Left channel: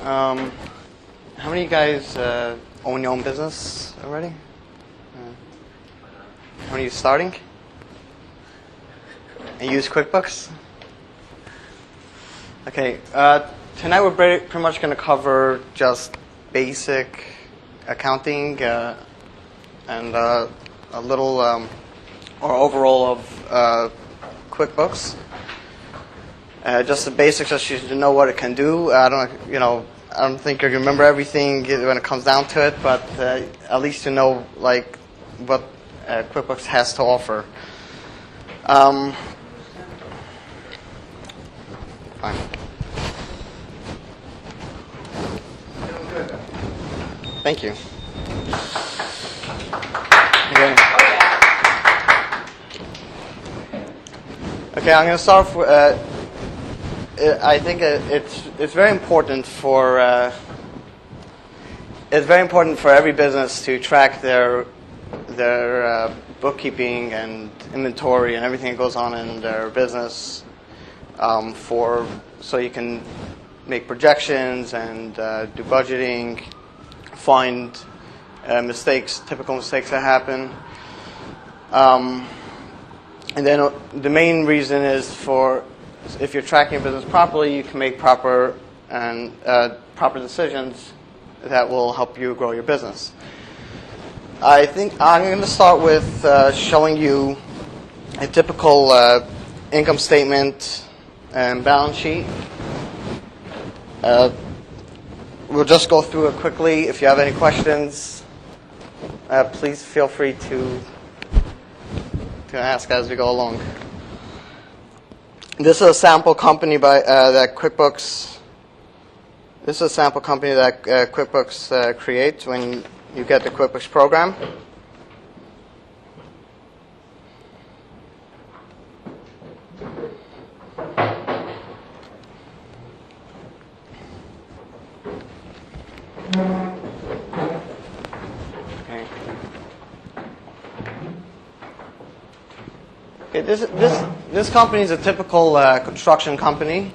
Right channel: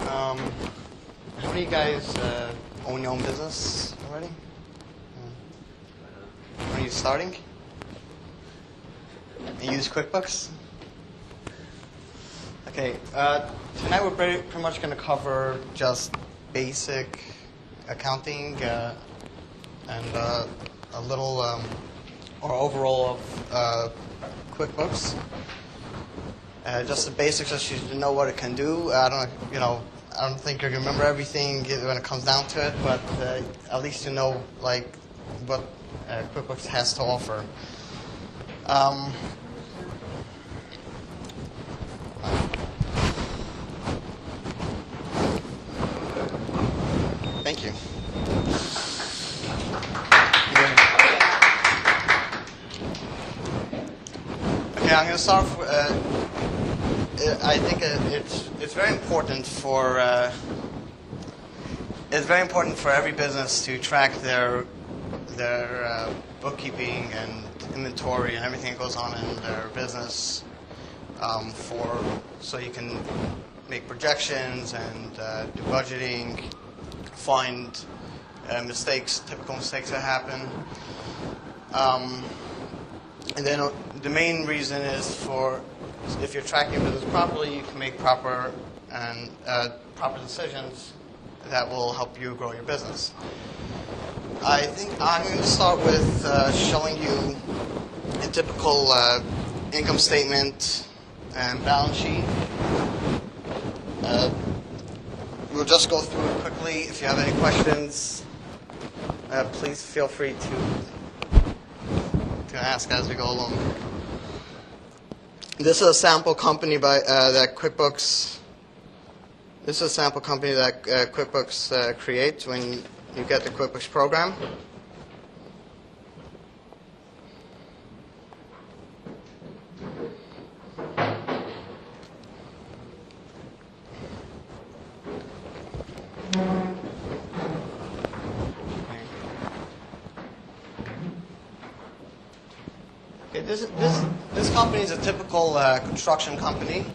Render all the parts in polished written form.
How many of you guys own your own business already? How many of you starting? And use QuickBooks? Okay, tonight we're pretty much going to cover just basic accounting and a little or overall of QuickBooks. Just the basics, just you to know what it can do. I don't think you remember everything when it comes down to it, but at least you know like what QuickBooks has to offer. Fine. Thank you. Okay, I'm going to start with. I think it's very important for every business to track their bookkeeping and inventory and everything that goes on in their business, so you can make projections and do budgeting, find typical mistakes that happen. And then the main reason is if you're tracking your business properly, you can make proper decisions that will help you grow your business. I think I'm going to start with showing you a typical income statement and balance sheet. We'll just go through it quickly. If you have any questions, please feel free to ask as we go along. This is a sample company that QuickBooks. This is a sample company that QuickBooks creates when you get the QuickBooks program. Okay, this company is a typical construction company.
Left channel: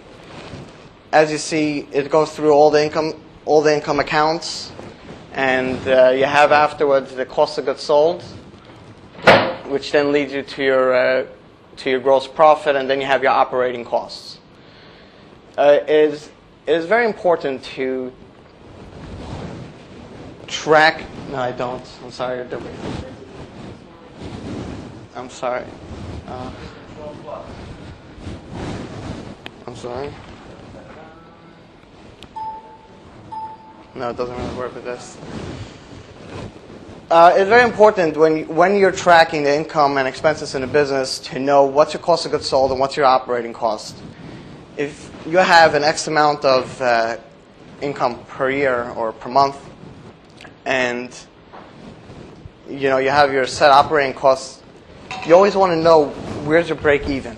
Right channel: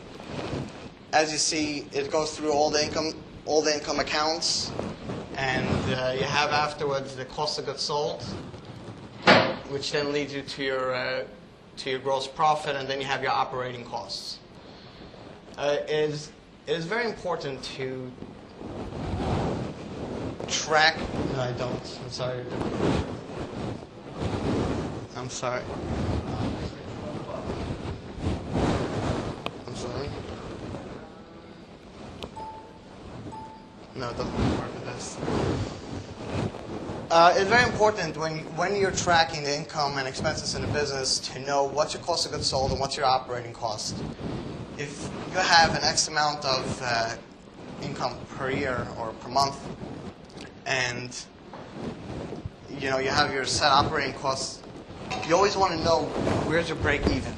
As you see, it goes through all the income accounts, and you have afterwards the cost of goods sold, which then leads you to your gross profit, and then you have your operating costs. It is very important to track. No, I don't. I'm sorry. I'm sorry. I'm sorry. No, it doesn't really work with this. It's very important when you're tracking the income and expenses in a business to know what's your cost of goods sold and what's your operating cost. If you have an X amount of income per year or per month, and you have your set operating costs, you always want to know where's your break even,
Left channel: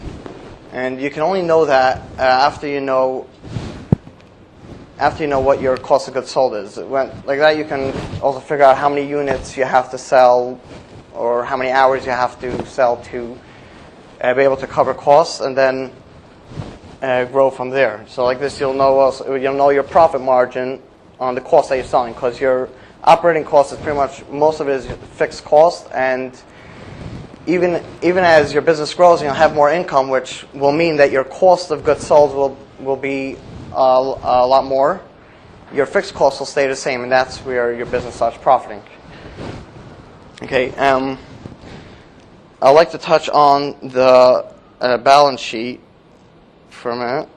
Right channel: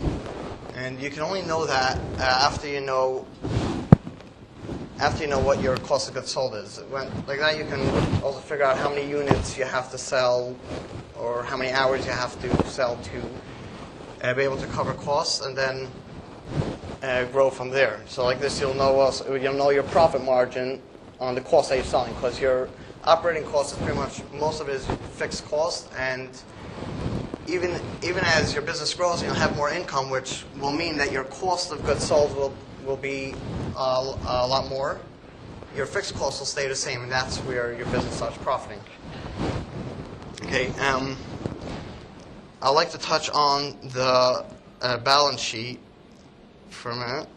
and you can only know that after you know what your cost of goods sold is. Like that, you can also figure out how many units you have to sell or how many hours you have to sell to be able to cover costs, and then grow from there. So like this, you'll know your profit margin on the cost that you're selling, because your operating cost is pretty much, most of it is fixed cost, and even as your business grows, you'll have more income, which will mean that your cost of goods sold will be a lot more. Your fixed costs will stay the same, and that's where your business starts profiting. Okay, I'd like to touch on the balance sheet for a minute.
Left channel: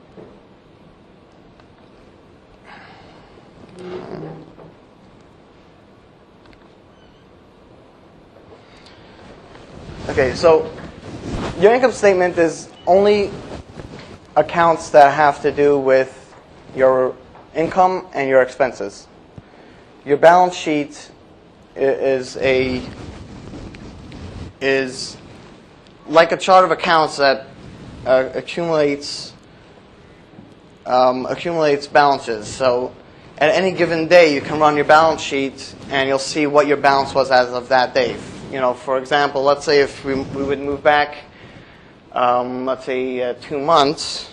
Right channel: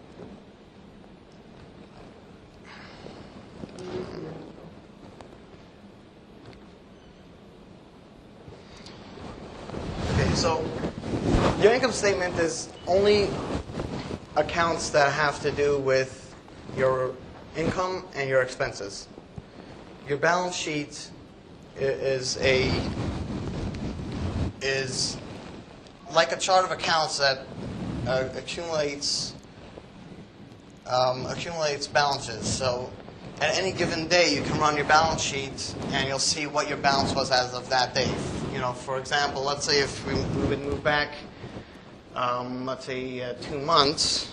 Okay, so your income statement is only accounts that have to do with your income and your expenses. Your balance sheet is like a chart of accounts that accumulates balances. So at any given day, you can run your balance sheet and you'll see what your balance was as of that day. For example, let's say if we would move back, let's say 2 months.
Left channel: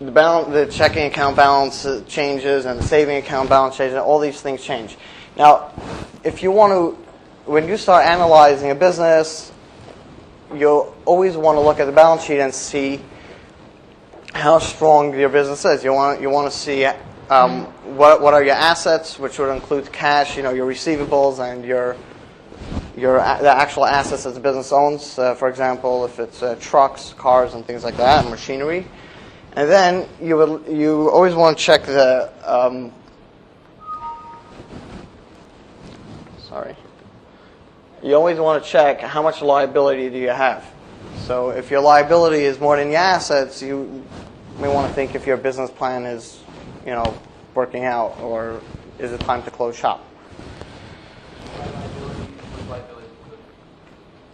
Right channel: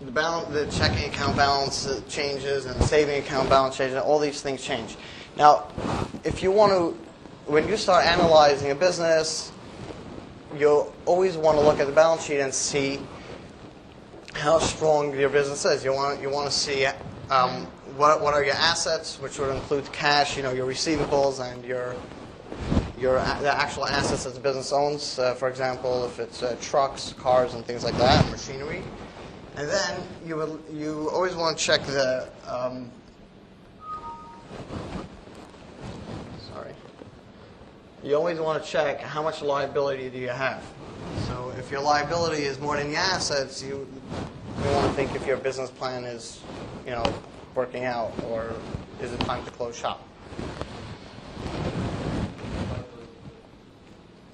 the checking account balance changes and the saving account balance changes, and all these things change. Now, if you want to, when you start analyzing a business, you'll always want to look at the balance sheet and see how strong your business is. You want to see what are your assets, which would include cash, your receivables, and the actual assets that the business owns. For example, if it's trucks, cars, and things like that, and machinery. And then you always want to check the you always want to check how much liability do you have. So if your liability is more than your assets, you may want to think if your business plan is working out, or is it time to close shop.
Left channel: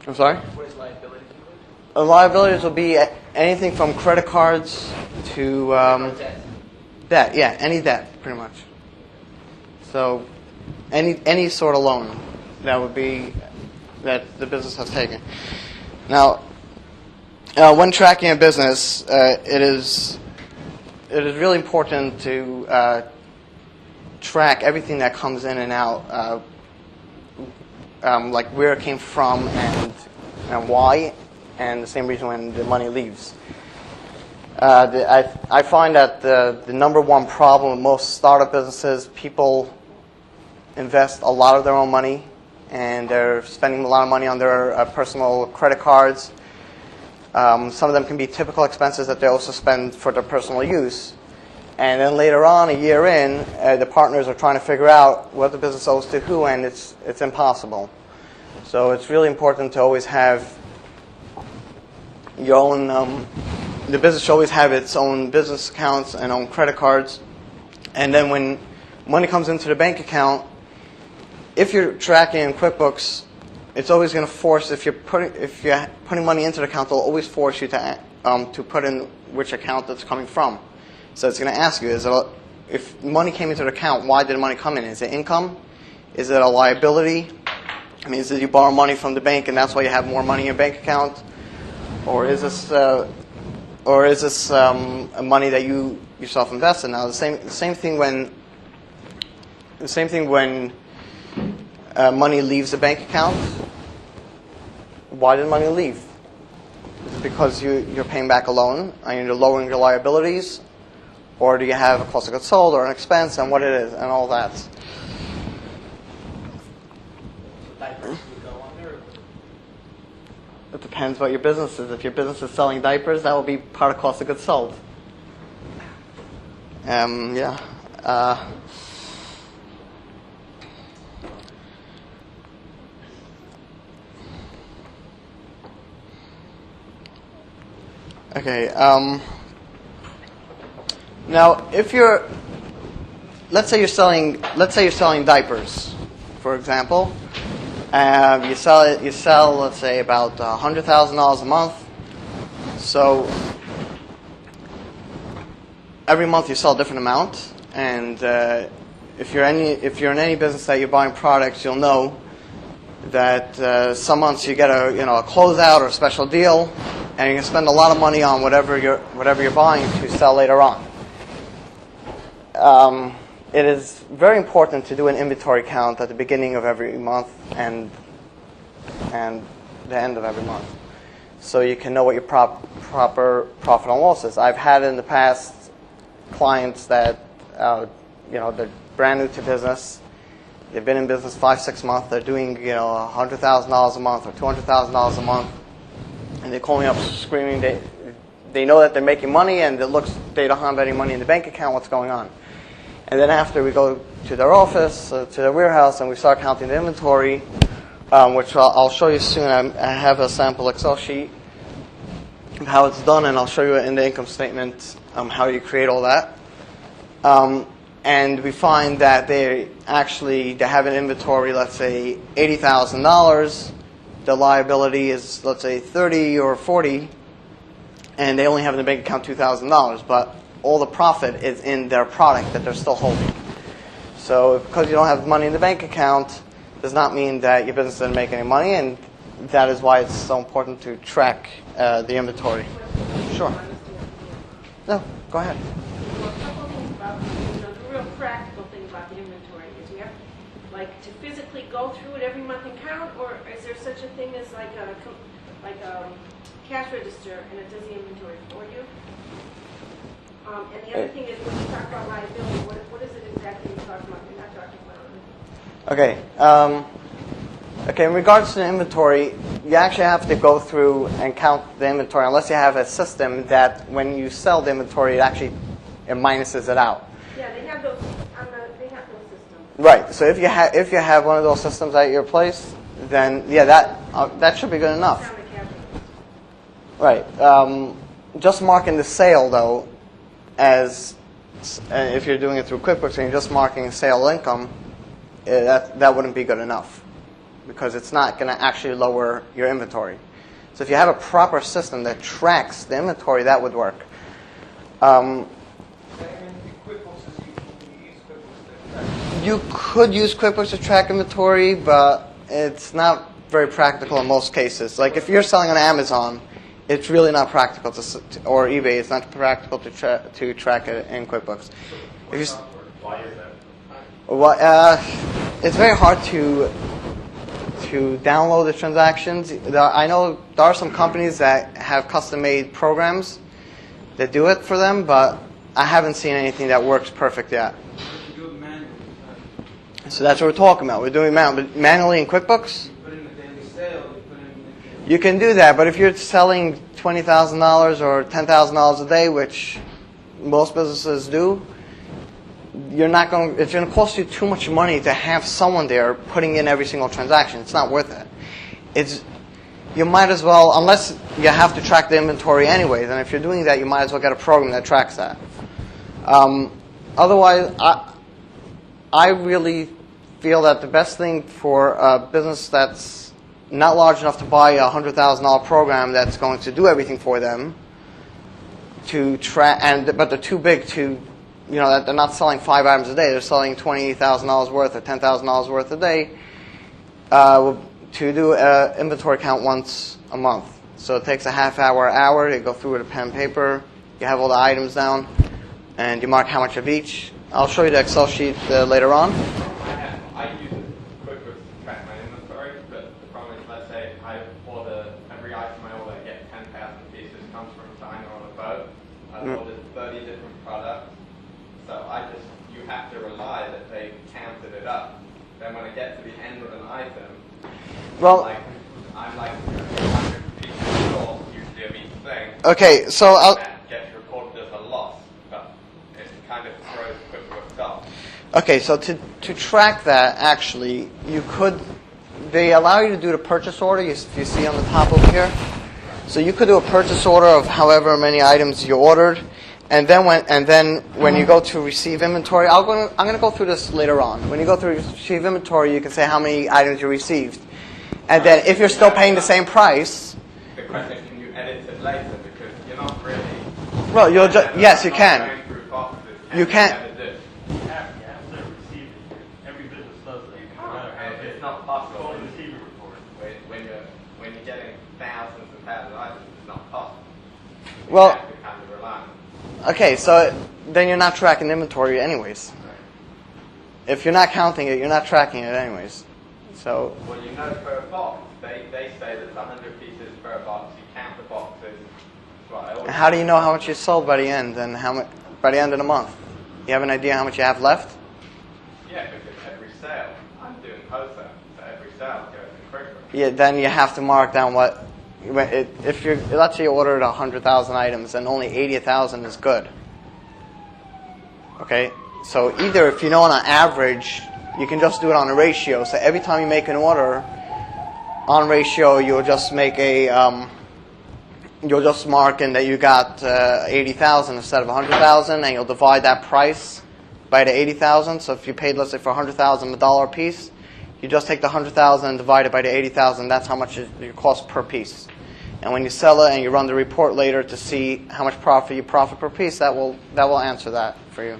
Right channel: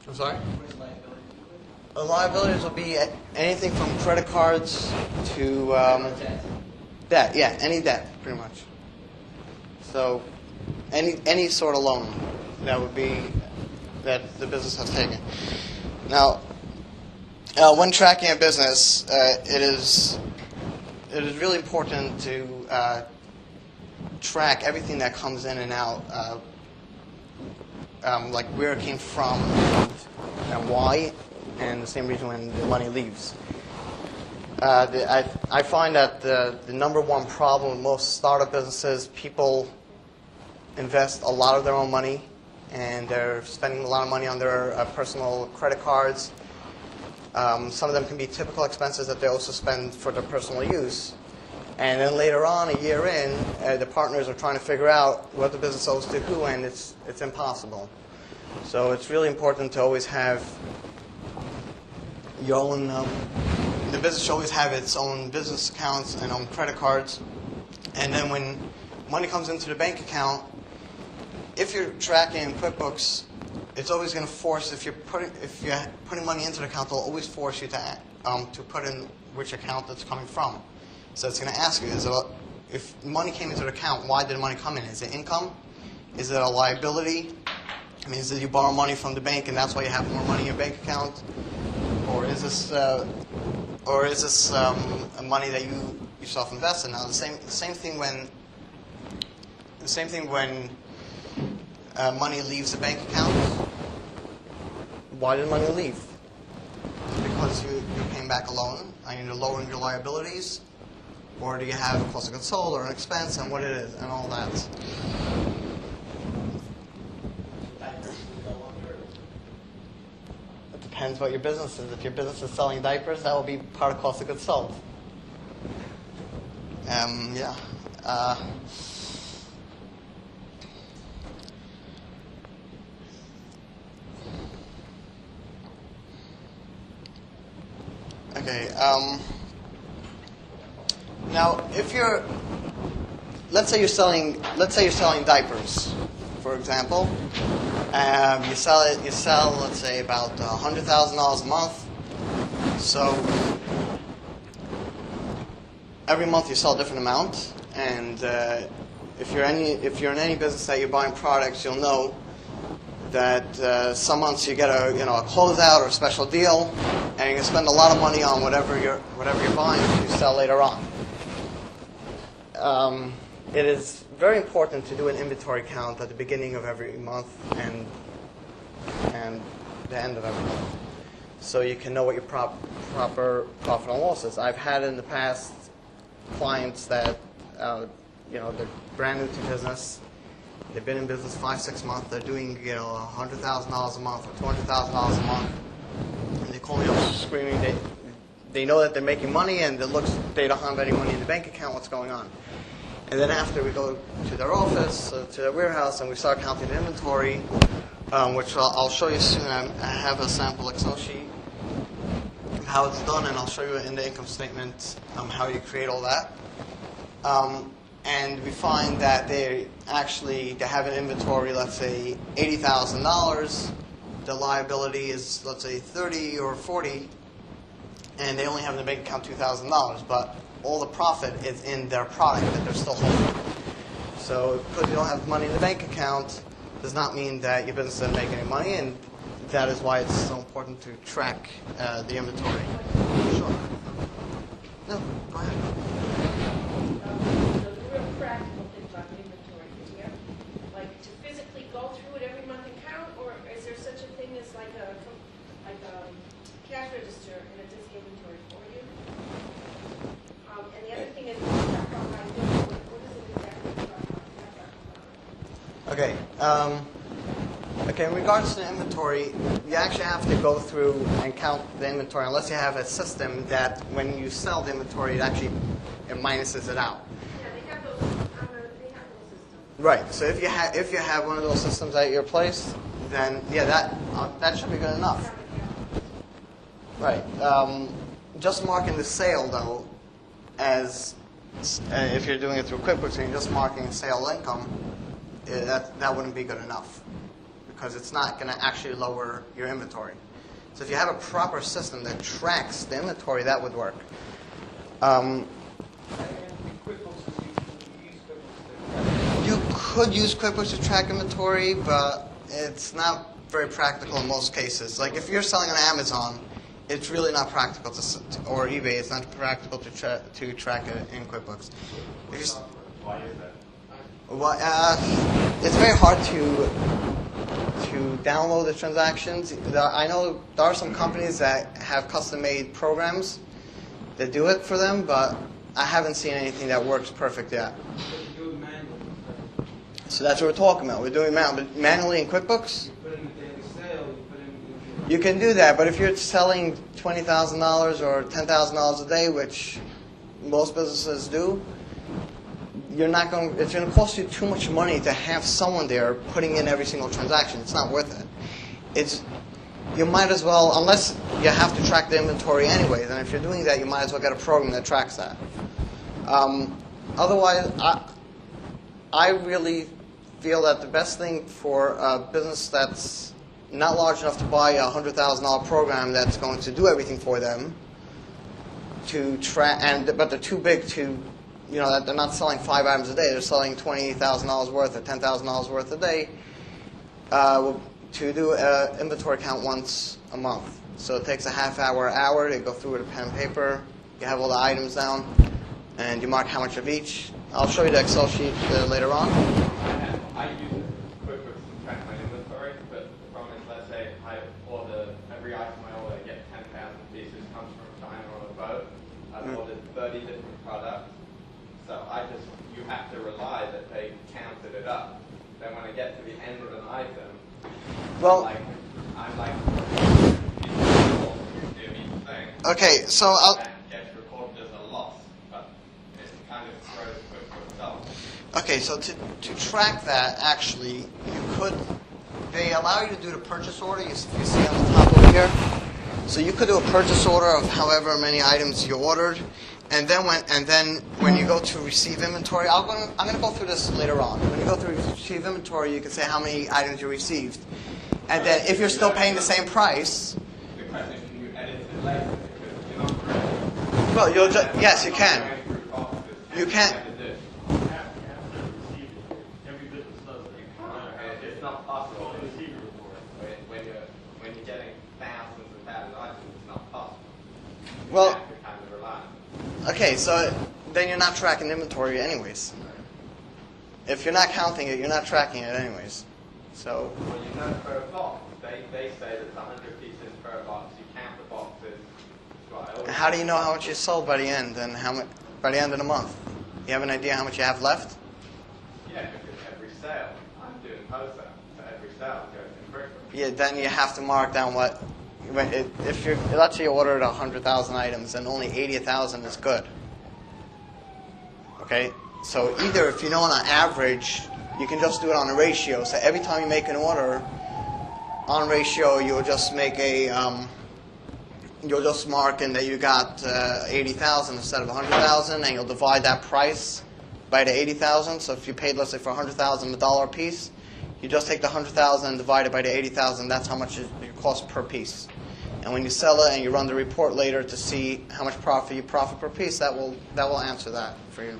I'm sorry? What is liability? Liabilities will be anything from credit cards to debt. Yeah, any debt, pretty much. So any sort of loan that the business has taken. Now, when tracking a business, it is really important to track everything that comes in and out, like where it came from and why, and the same reason when the money leaves. I find that the number one problem with most startup businesses, people invest a lot of their own money, and they're spending a lot of money on their personal credit cards. Some of them can be typical expenses that they also spend for their personal use. And then later on, a year in, the partners are trying to figure out what the business owes to who, and it's impossible. So it's really important to always have your own, the business should always have its own business accounts and own credit cards. And then when money comes into the bank account, if you're tracking in QuickBooks, it's always going to force, if you're putting money into the account, it'll always force you to put in which account it's coming from. So it's going to ask you, if money came into the account, why did money come in? Is it income? Is it a liability? I mean, is it you borrow money from the bank and that's why you have more money in your bank account? Or is this money that you yourself invested? Now, the same thing when money leaves the bank account. Why did money leave? Is it because you're paying back a loan and you're lowering your liabilities? Or do you have a cost of goods sold or an expense and what it is and all that? It depends what your business is. If your business is selling diapers, that will be part of cost of goods sold. Yeah. Okay. Now, let's say you're selling diapers, for example. You sell, let's say, about $100,000 a month. So every month you sell a different amount, and if you're in any business that you're buying products, you'll know that some months you get a closeout or a special deal, and you can spend a lot of money on whatever you're buying to sell later on. It is very important to do an inventory count at the beginning of every month and the end of every month, so you can know what your proper profit and loss is. I've had in the past clients that they're brand new to business. They've been in business 5-6 months. They're doing $100,000 a month or $200,000 a month, and they call me up screaming. They know that they're making money, and they don't have any money in the bank account. What's going on? And then after we go to their office, to their warehouse, and we start counting the inventory, which I'll show you soon. I have a sample Excel sheet of how it's done, and I'll show you in the income statement how you create all that. And we find that they have an inventory, let's say $80,000. The liability is, let's say, $30 or $40, and they only have in the bank account $2,000, but all the profit is in their product that they're still holding. So because you don't have money in the bank account does not mean that your business doesn't make any money, and that is why it's so important to track the inventory. Sure. No, Go ahead. Well, a couple of things about, the real practical thing about the inventory is you have, like, to physically go through it every month and count, or is there such a thing as like a cash register and it does the inventory for you? And the other thing is when you talk about liability, what is it exactly you're talking about? You're not talking about. Okay. Okay, in regards to the inventory, you actually have to go through and count the inventory unless you have a system that when you sell the inventory, it minuses it out. Yeah, they have those systems. Right. So if you have one of those systems at your place, then yeah, that should be good enough. Right. Just marking the sale though, as if you're doing it through Quickbooks and you're just marking sale income, that wouldn't be good enough, because it's not going to actually lower your inventory. So if you have a proper system that tracks the inventory, that would work. You could use Quickbooks to track inventory, but it's not very practical in most cases. Like if you're selling on Amazon, it's really not practical or eBay. It's not practical to track it in Quickbooks. Why is that? Well, it's very hard to download the transactions. I know there are some companies that have custom-made programs that do it for them, but I haven't seen anything that works perfect yet. So that's what we're talking about. We're doing manually in Quickbooks. You can do that, but if you're selling $20,000 or $10,000 a day, which most businesses do, it's going to cost you too much money to have someone there putting in every single transaction. It's not worth it. You might as well, unless you have to track the inventory anyways, and if you're doing that, you might as well get a program that tracks that. Otherwise, I really feel that the best thing for a business that's not large enough to buy a $100,000 program that's going to do everything for them, but they're too big to, that they're not selling 5 items a day. They're selling $20,000 worth or $10,000 worth a day, to do an inventory count once a month. So it takes a half hour to go through with a pen and paper. You have all the items down, and you mark how much of each. I'll show you the Excel sheet later on. I use Quickbooks to track my inventory, but the problem is, let's say every item I order, I get 10,000 pieces, comes from China on a boat. I've ordered 30 different products, so you have to rely that they counted it up. Then when I get to the end of an item, I'm like 100 pieces short, usually of each thing. Okay, so Gets recorded as a loss, but it kind of throws Quickbooks off. Okay, so to track that, actually, they allow you to do the purchase order, you see on the top over here. So you could do a purchase order of however many items you ordered, and then when you go to receive inventory, I'm going to go through this later on. When you go to receive inventory, you can say how many items you received. And then if you're still paying the same price... The question is, can you edit it later? Because you're not really... Well, yes, you can. You can't... It's not possible. When you're getting thousands and thousands of items, it's not possible. Well, you have to kind of rely on it. Okay, so then you're not tracking inventory anyways. If you're not counting it, you're not tracking it anyways. So. Well, per box, they say that it's 100 pieces per box. You count the boxes. And how do you know how much you sold by the end, and by the end of the month? You have an idea how much you have left? Yeah, because every sale, I'm doing wholesale, so every sale goes in Quickbooks. Yeah, then you have to mark down let's say you ordered 100,000 items and only 80,000 is good. Okay, so either if you know on an average, you can just do it on a ratio. So every time you make an order, on ratio, you'll just make you'll just mark in that you got 80,000 instead of 100,000, and you'll divide that price by the 80,000. So if you paid, let's say, for 100,000 $1 a piece, you just take the 100,000 and divide it by the 80,000. That's how much it costs per piece. And when you sell it and you run the report later to see how much profit you profit per piece, that will answer that for you.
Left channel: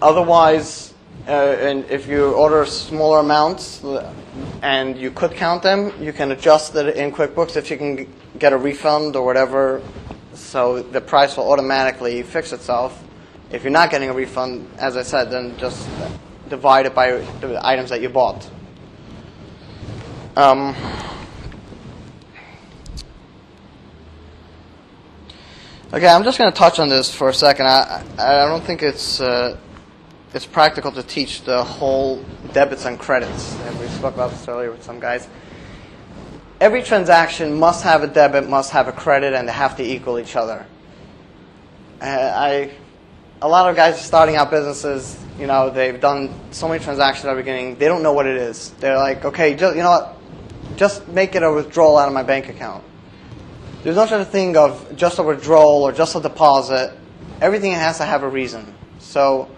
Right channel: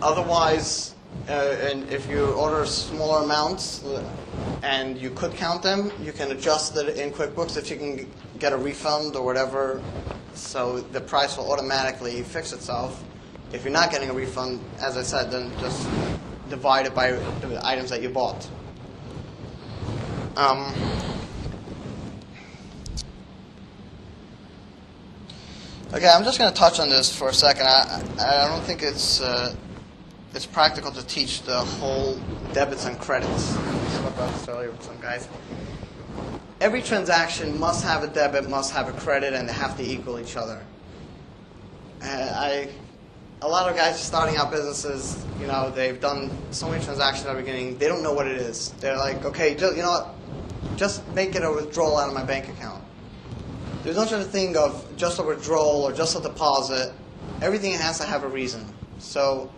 Otherwise, And if you order smaller amounts and you could count them, you can adjust it in QuickBooks if you can get a refund or whatever, so the price will automatically fix itself. If you're not getting a refund, as I said, then just divide it by the items that you bought. Okay, I'm just going to touch on this for a second. I don't think it's practical to teach the whole debits and credits. We spoke about this earlier with some guys. Every transaction must have a debit, must have a credit, and they have to equal each other. A lot of guys starting out businesses, they've done so many transactions at the beginning, they don't know what it is. They're like, okay, you know what? Just make it a withdrawal out of my bank account. There's no such a thing of just a withdrawal or just a deposit. Everything has to have a reason. So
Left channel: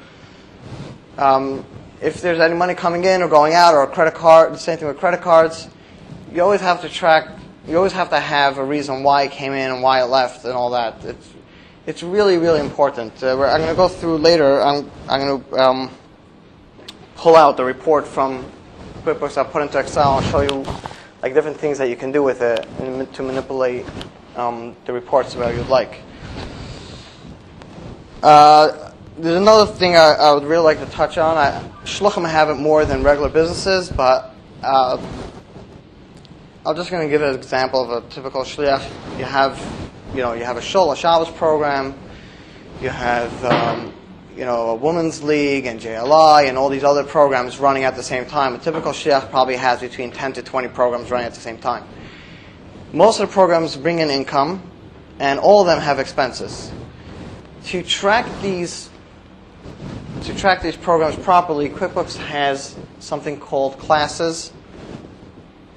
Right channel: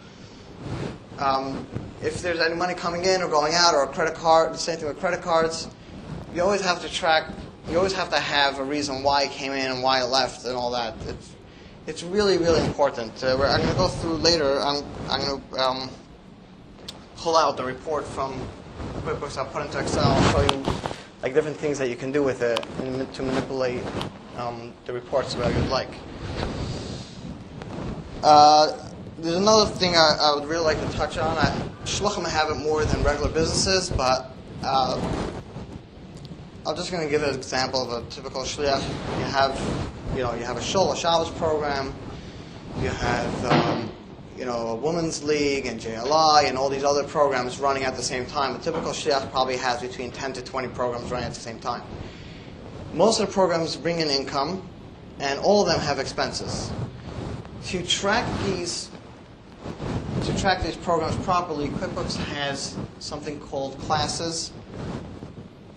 if there's any money coming in or going out or a credit card, the same thing with credit cards, you always have to track, you always have to have a reason why it came in and why it left and all that. It's really, really important. I'm going to go through later, I'm going to pull out the report from QuickBooks. I'll put into Excel and show you like different things that you can do with it to manipulate the reports where you'd like. There's another thing I would really like to touch on. Shluchim have it more than regular businesses, but I'm just going to give an example of a typical shliach. You have a shul, a Shabbos program. You have, a women's league and JLI and all these other programs running at the same time. A typical shliach probably has between 10 to 20 programs running at the same time. Most of the programs bring in income, and all of them have expenses. To track these programs properly, QuickBooks has something called classes,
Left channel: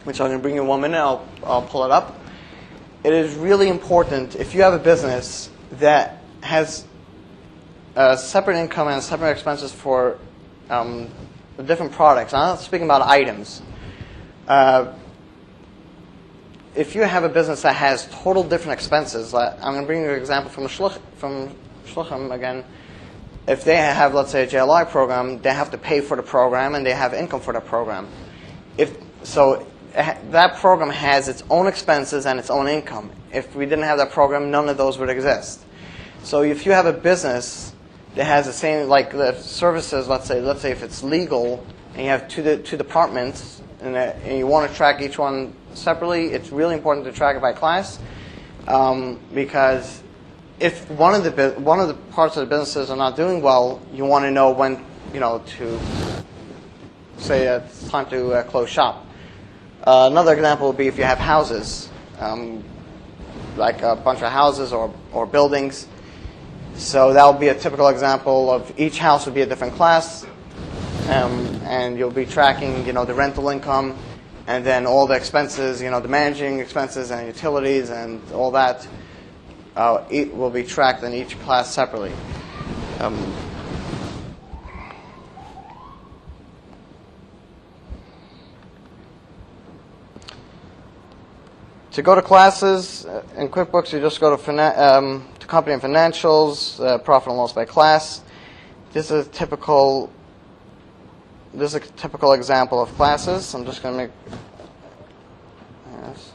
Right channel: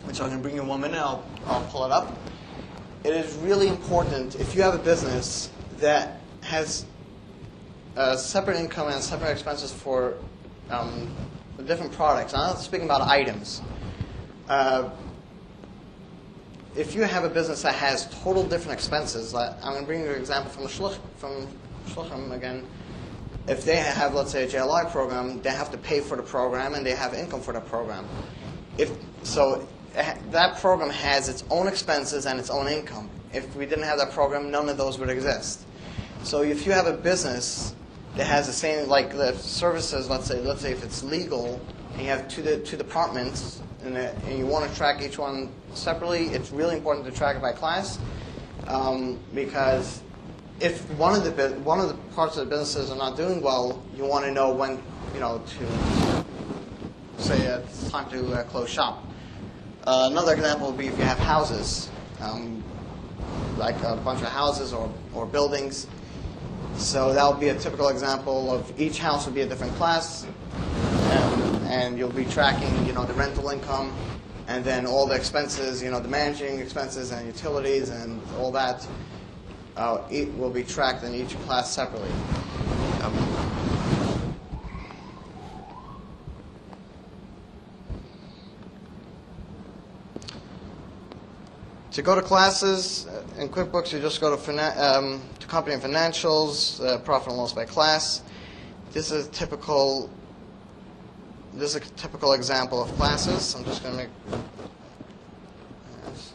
which I'm going to bring you in 1 minute. I'll pull it up. It is really important if you have a business that has separate income and separate expenses for the different products. I'm not speaking about items. If you have a business that has total different expenses, I'm going to bring you an example from Shluchim again. If they have, let's say, a JLI program, they have to pay for the program and they have income for the program. That program has its own expenses and its own income. If we didn't have that program, none of those would exist. So if you have a business that has the same, like the services, let's say if it's legal, and you have two departments, and you want to track each one separately, it's really important to track it by class, because if one of the parts of the businesses are not doing well, you want to know when, to say it's time to close shop. Another example would be if you have houses, like a bunch of houses or buildings. So that would be a typical example of each house would be a different class, and you'll be tracking, the rental income, and then all the expenses, the managing expenses and utilities and all that will be tracked in each class separately. To go to classes in QuickBooks, you just go to company and financials, profit and loss by class. This is a typical example of classes. I'm just going to make. Yes.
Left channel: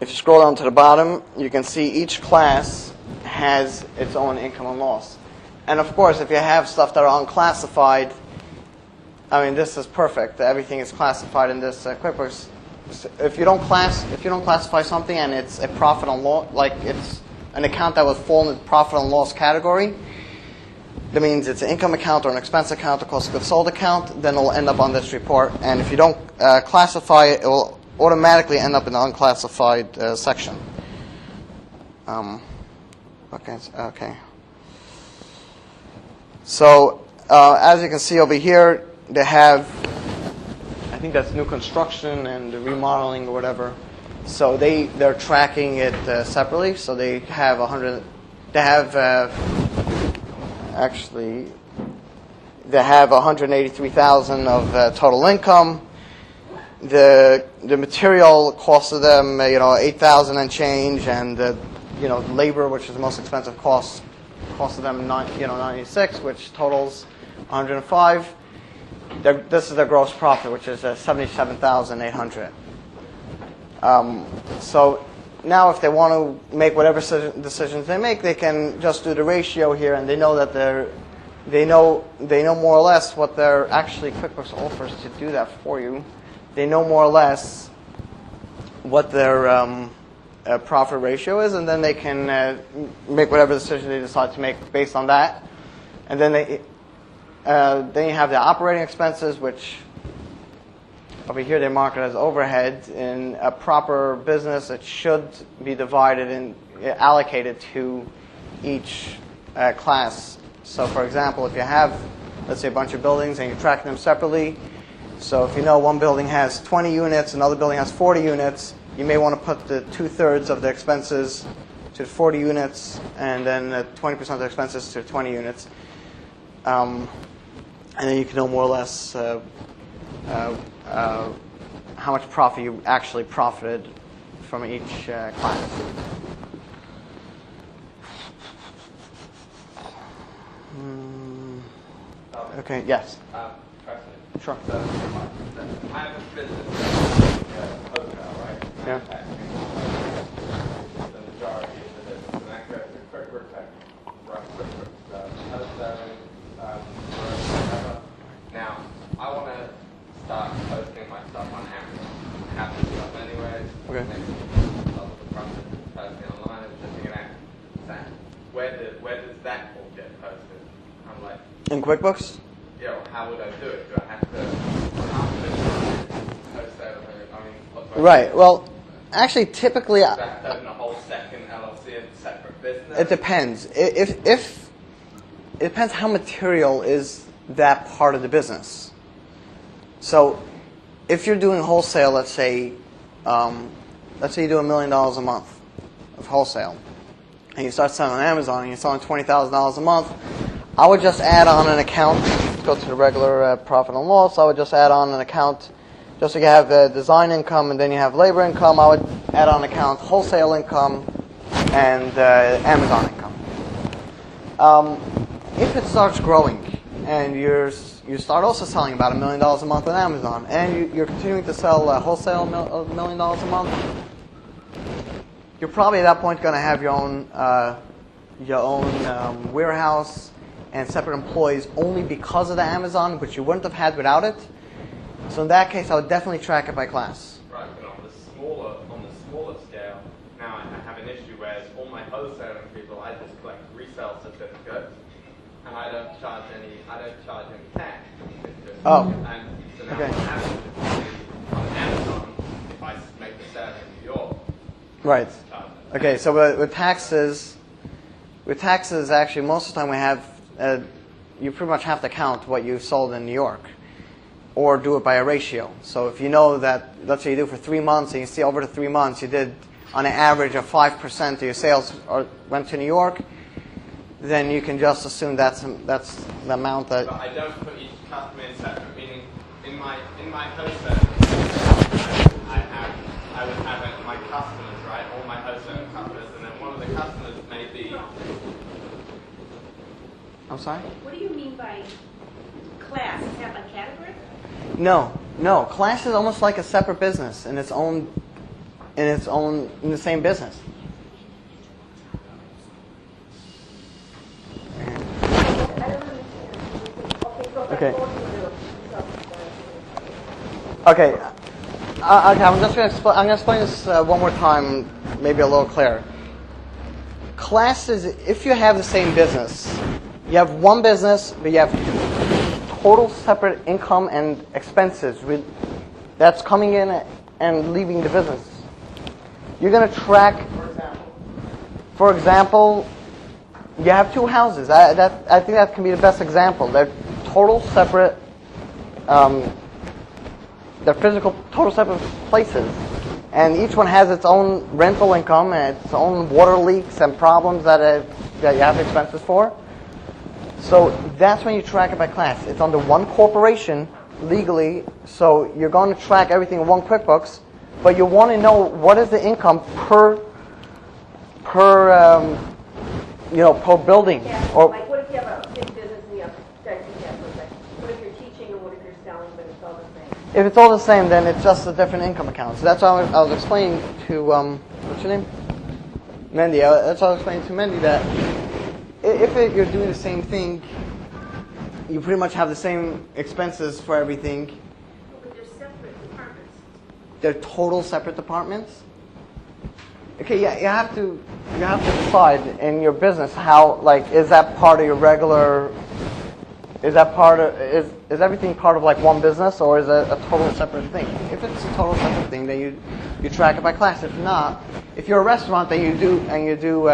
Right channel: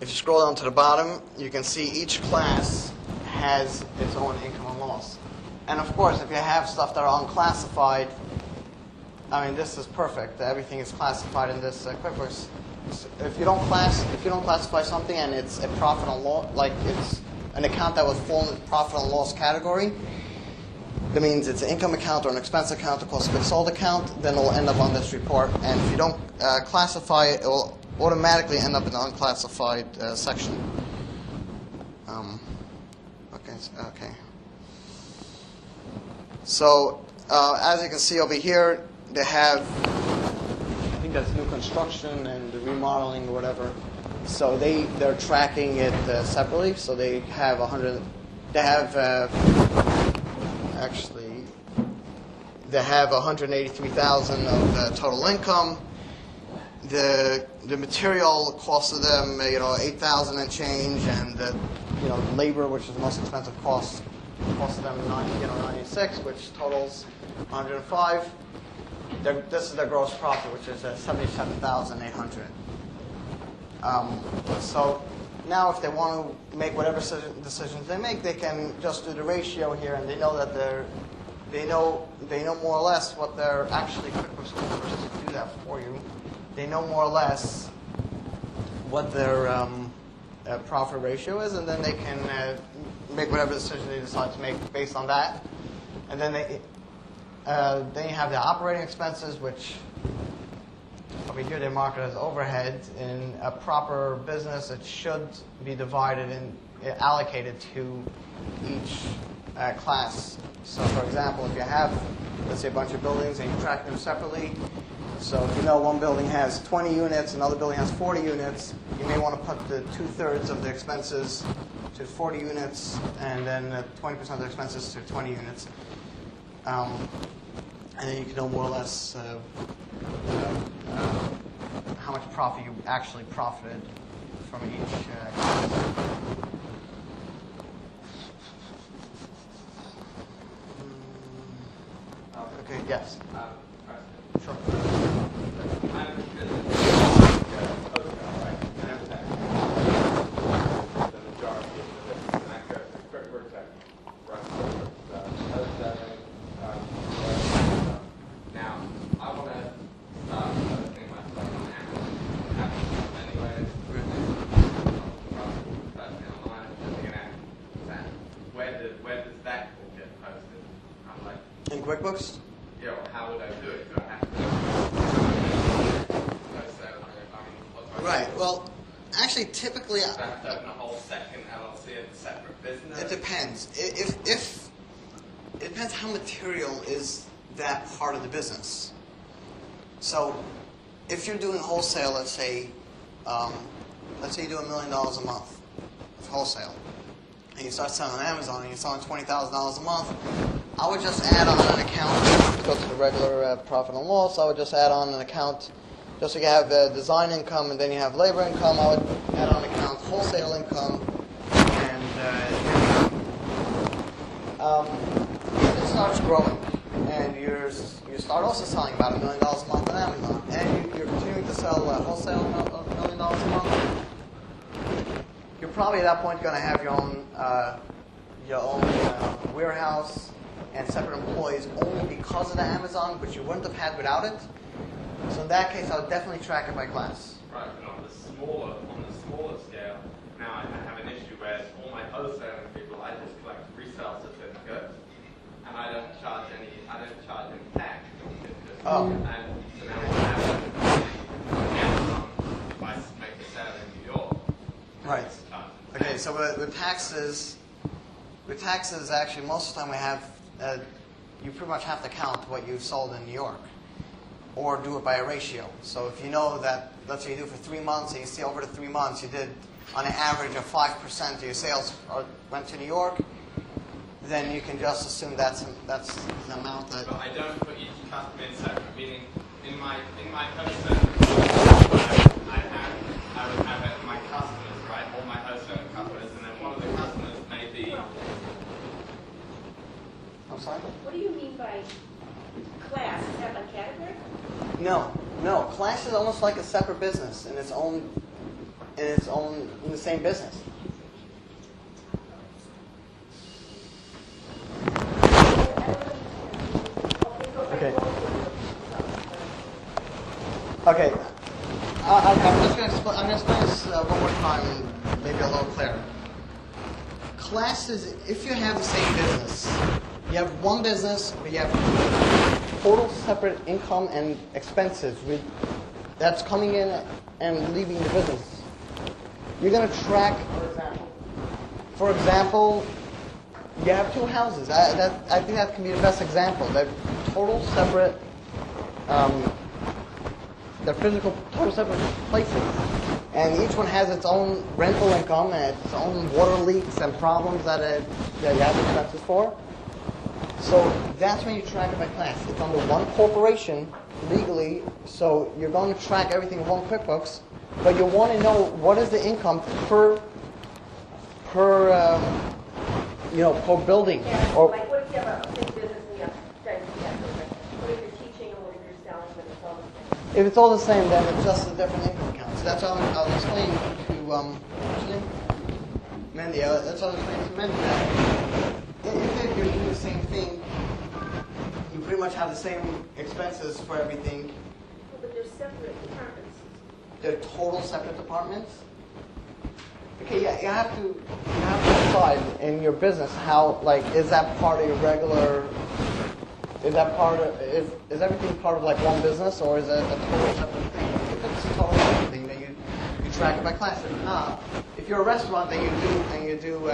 If you scroll down to the bottom, you can see each class has its own income and loss. And of course, if you have stuff that are unclassified, this is perfect. Everything is classified in this QuickBooks. If you don't classify something and it's a profit and loss, like it's an account that was fall in the profit and loss category, that means it's an income account or an expense account or cost of goods sold account, then it'll end up on this report. And if you don't classify it, it will automatically end up in the unclassified section. Okay. So as you can see over here, they have, I think that's new construction and the remodeling or whatever. So they're tracking it separately. So they have 100. They have they have 183,000 of total income. The material cost of them, 8,000 and change, and the labor, which is the most expensive cost of them, 96, which totals 105. This is their gross profit, which is 77,800. So now if they want to make whatever decisions they make, they can just do the ratio here, and they know that they know more or less what their actually QuickBooks offers to do that for you. They know more or less what their profit ratio is, and then they can make whatever decision they decide to make based on that. And then then you have the operating expenses, which over here they mark it as overhead. In a proper business, it should be divided and allocated to each class. So, for example, if you have, let's say, a bunch of buildings and you're tracking them separately, so if you know one building has 20 units, another building has 40 units, you may want to put the 2/3 of the expenses to 40 units and then 20% of the expenses to 20 units. And then you can know more or less how much profit you actually profited from each class. Okay, yes. Sure. I have a business, hotel, right? Yeah. The majority of the business, and that goes to QuickBooks, run QuickBooks, wholesaling, Now, I want to start posting my stuff on Amazon. I have this stuff anyways. Okay. Posting online, it's just an app. Where does that all get posted? I'm like, In QuickBooks? yeah, well, how would I do it? Do I have to post that? Right. Well, actually, typically, Do I have to open a whole second LLC and separate business? it depends. If it depends how material is that part of the business. So, if you're doing wholesale, let's say you do $1 million a month of wholesale, and you start selling on Amazon, and you're selling $20,000 a month, I would just add on an account. Let's go to the regular profit and loss. I would just add on an account, just so you have design income and then you have labor income. I would add on account wholesale income and Amazon income. If it starts growing and you start also selling about $1 million a month on Amazon, and you're continuing to sell wholesale of $1 million a month, you're probably at that point going to have your own warehouse and separate employees only because of the Amazon, which you wouldn't have had without it. So in that case, I would definitely track it by class. Right, but on the smaller scale, now I have an issue where it's all my wholesaling people, I just collect resale certificates, and I don't charge any tax. Oh. And so now what happens is on Amazon, if I make a sale in New York, Right. Okay, so with taxes, actually, most of the time we have, you pretty much have to count what you've sold in New York, or do it by a ratio. So if you know that, let's say you do it for 3 months, and you see over the 3 months you did on an average of 5% of your sales went to New York, then you can just assume that's the amount that. But I don't put each customer in separate. Meaning, in my wholesale, I would have my customers, right? All my wholesale customers, and then one of the customers may be. I'm sorry? What do you mean by class? You have a category? No. Class is almost like a separate business in the same business. Okay. Okay. I'm just going to explain. I'm going to explain this one more time, maybe a little clearer. Class is if you have the same business, you have one business, but you have total separate income and expenses that's coming in and leaving the business. You're going to track. For example, you have 2 houses. I think that can be the best example. They're total separate. They're physical, total separate places, and each one has its own rental income and its own water leaks and problems that you have expenses for. So that's when you track it by class. It's under one corporation legally, so you're going to track everything in one QuickBooks, but you want to know what is the income per building. Yeah, Or like what if you have a big business and you have 10% if it's all the same, then it's just a different income account. So that's why I was explaining to, what's your name? Mendy. That's why I was explaining to Mendy that if you're doing the same thing, you pretty much have the same expenses for everything. But they're separate departments. They're total separate departments. Okay, yeah, you have to decide in your business how, like, is that part of your regular? Is everything part of like one business, or is it a total separate thing? If it's a total separate thing, then you track it by class. If not, if you're a restaurant, then you do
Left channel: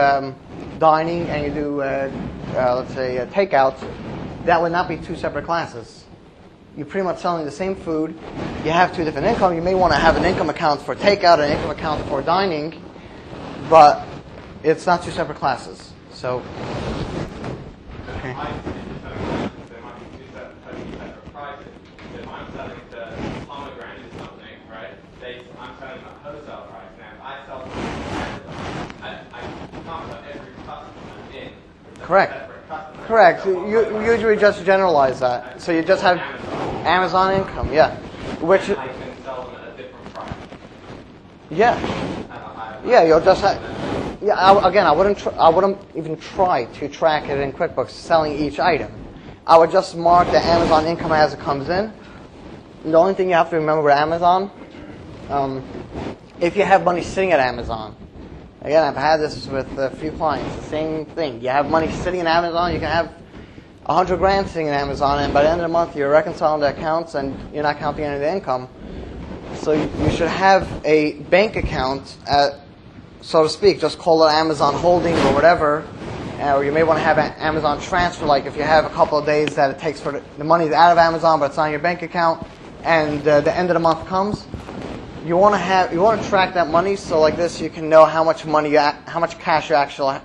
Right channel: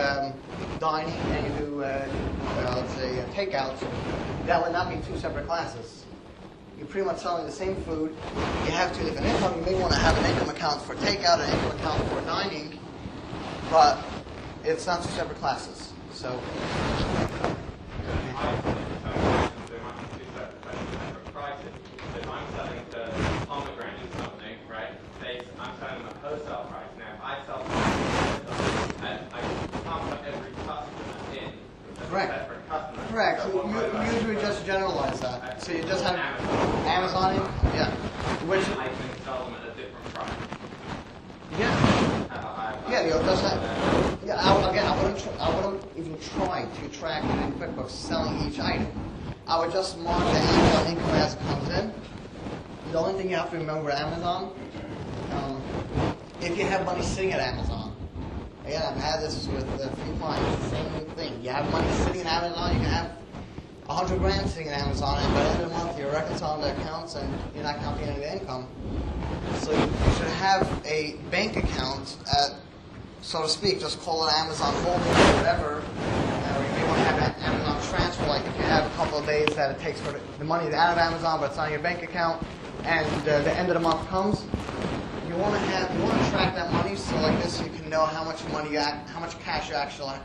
dining and you do let's say takeout, that would not be two separate classes. You're pretty much selling the same food. You have two different income. You may want to have an income account for takeout and an income account for dining, but it's not two separate classes. So. Okay. There might be two separate prices. So if I'm selling to pomegranate something, right? I'm selling at wholesale price. Now, if I sell to Amazon, I can't put every customer in. Correct. Separate customers. Correct. So You usually just generalize that. So you just have Amazon income, yeah. Which I can sell them at a different price. yeah. Yeah, you'll just have. Yeah. I wouldn't even try to track it in QuickBooks selling each item. I would just mark the Amazon income as it comes in. The only thing you have to remember with Amazon, if you have money sitting at Amazon, again, I've had this with a few clients, same thing. You have money sitting in Amazon, you can have $100,000 sitting in Amazon, and by the end of the month, you're reconciling the accounts and you're not counting any of the income. So you should have a bank account, so to speak, just call it Amazon Holding or whatever, or you may want to have an Amazon transfer, like if you have a couple of days that it takes for the money is out of Amazon, but it's not in your bank account, and the end of the month comes. You want to track that money, so like this, you can know how much cash you actually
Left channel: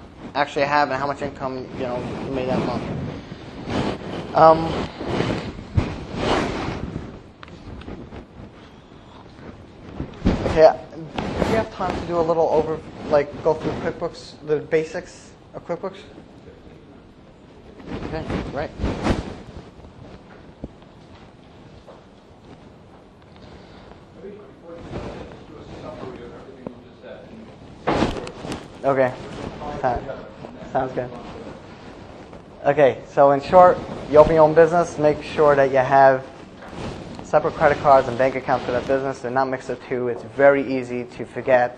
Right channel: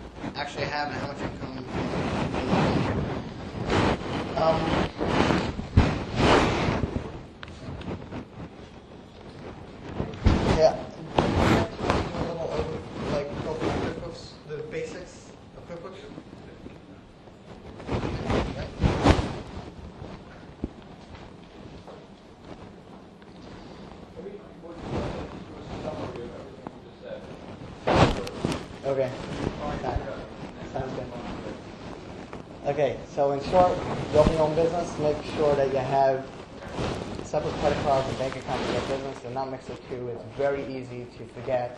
have, and how much income you made that month. Okay, do you have time to do a little go through QuickBooks, the basics of QuickBooks? Okay, right. Okay. Sounds good. Okay, so in short, you open your own business, make sure that you have separate credit cards and bank accounts for that business. They're not mixed of two. It's very easy to forget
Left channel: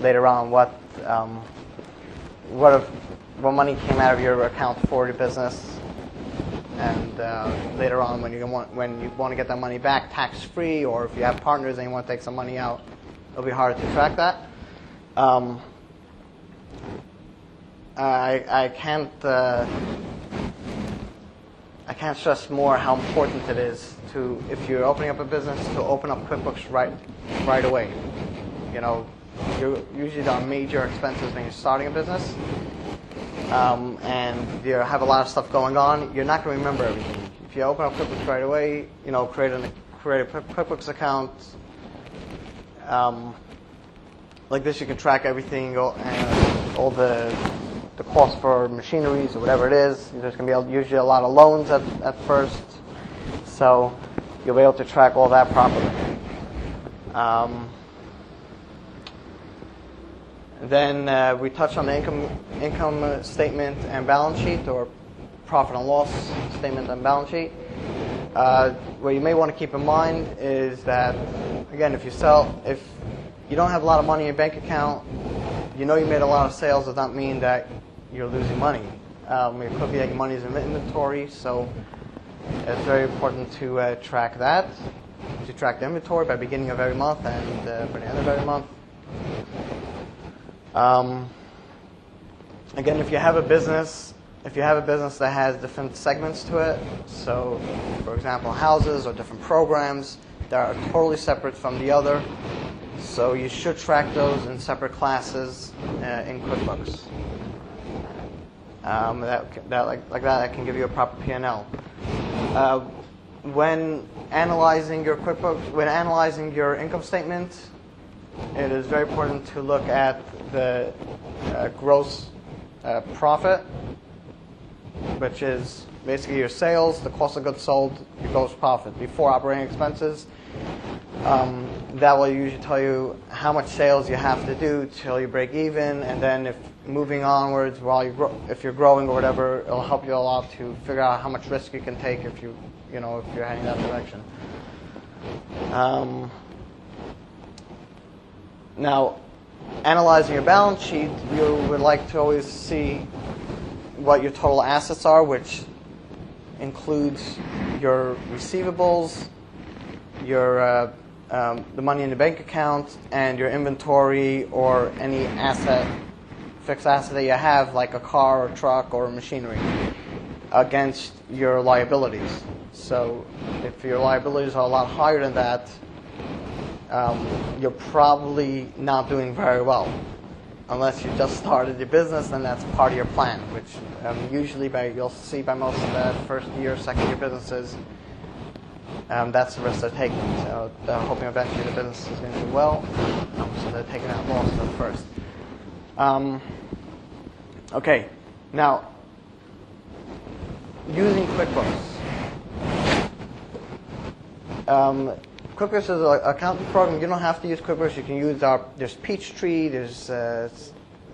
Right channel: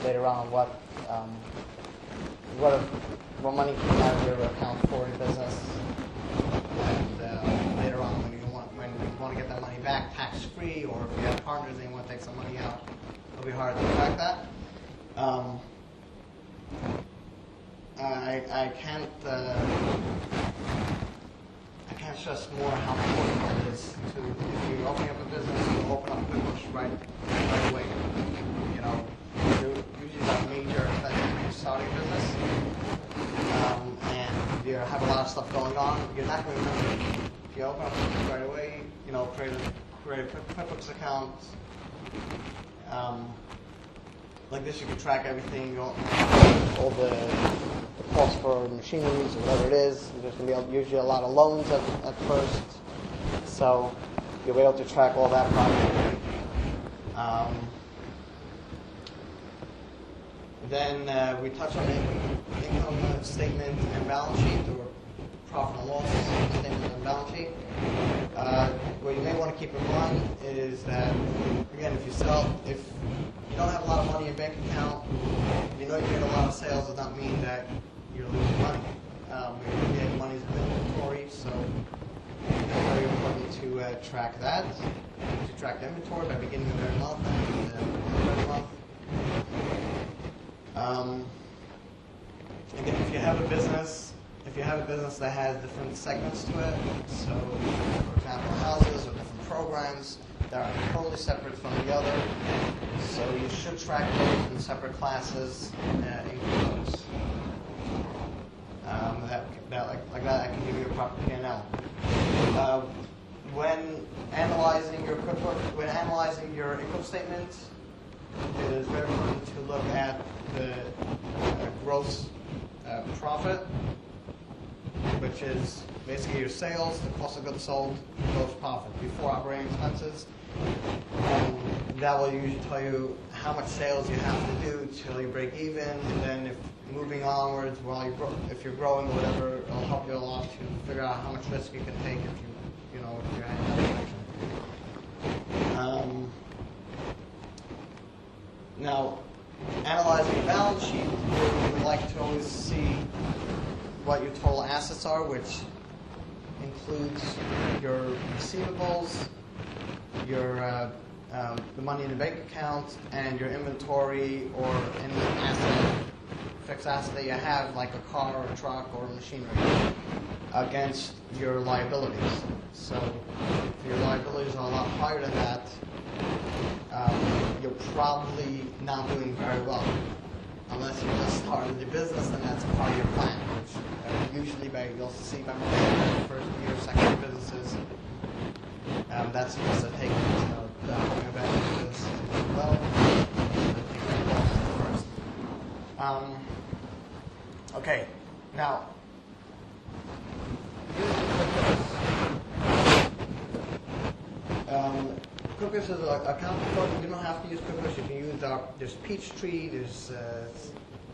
later on what money came out of your account for your business, and later on when you want to get that money back tax free, or if you have partners and you want to take some money out, it'll be hard to track that. I can't stress more how important it is to, if you're opening up a business, to open up QuickBooks right away. You usually got major expenses when you're starting a business, and you have a lot of stuff going on. You're not going to remember everything. If you open up QuickBooks right away, create a QuickBooks account. Like this, you can track everything, all the cost for machineries or whatever it is. There's going to be usually a lot of loans at first, so you'll be able to track all that properly. Then we touched on the income statement and balance sheet, or profit and loss statement and balance sheet. What you may want to keep in mind is that, again, if you don't have a lot of money in your bank account, you made a lot of sales, does not mean that you're losing money. It could be that your money is in inventory, so it's very important to track that. To track the inventory by beginning of every month and by the end of every month. Again, if you have a business that has different segments to it, so for example houses or different programs that are totally separate from the other, so you should track those in separate classes in QuickBooks. That can give you a proper P&L. When analyzing your QuickBooks, when analyzing your income statement, it is very important to look at the gross profit, which is basically your sales, the cost of goods sold, your gross profit before operating expenses, That will usually tell you how much sales you have to do till you break even, and then if moving onwards while if you're growing or whatever, it'll help you a lot to figure out how much risk you can take if you're heading that direction. Now, analyzing your balance sheet, you would like to always see what your total assets are, which includes your receivables, your the money in the bank account, and your inventory or any fixed asset that you have, like a car or truck or machinery, against your liabilities. So if your liabilities are a lot higher than that, you're probably not doing very well. Unless you just started your business, and that's part of your plan, which usually you'll see by most first year, second year businesses, that's the risk they're taking. So they're hoping eventually the business is going to do well, so they're taking out most of it first. Okay, now, using Quickbooks. Quickbooks is an accounting program. You don't have to use Quickbooks. You can use there's Peachtree, there's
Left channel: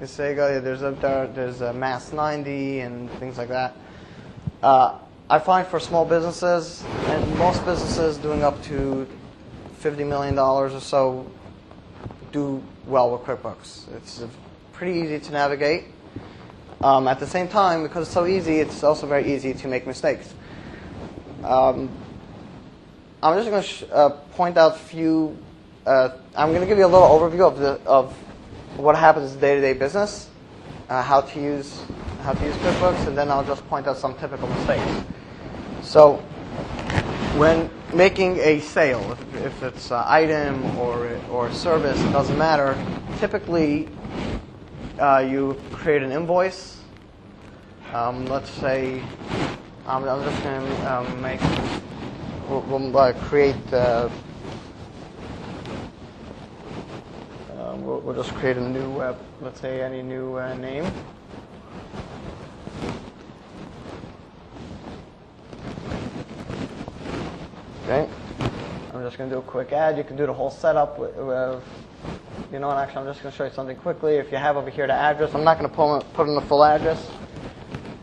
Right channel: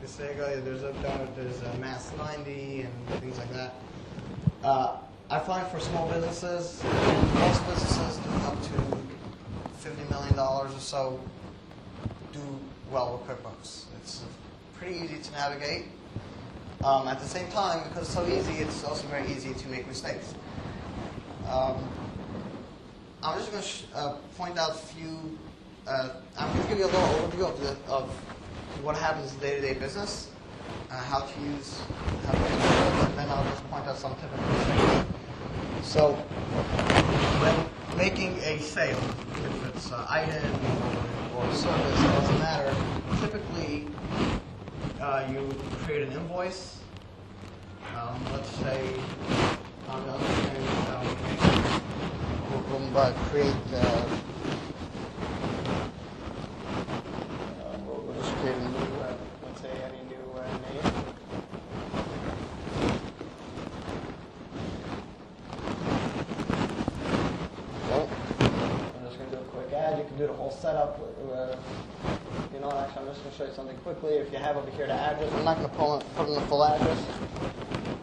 Sega, there's a Mass 90 and things like that. I find for small businesses, and most businesses doing up to $50 million or so do well with Quickbooks. It's pretty easy to navigate. At the same time, because it's so easy, it's also very easy to make mistakes. I'm just going to point out a few. I'm going to give you a little overview of what happens in day-to-day business, how to use Quickbooks, and then I'll just point out some typical mistakes. So, when making a sale, if it's an item or a service, it doesn't matter. Typically, you create an invoice. Let's say I'm just going to we'll create. We'll just create a new, let's say, any new name. Okay. I'm just going to do a quick ad. You can do the whole setup. You know what? Actually, I'm just going to show you something quickly. If you have over here the address, I'm not going to put in the full address.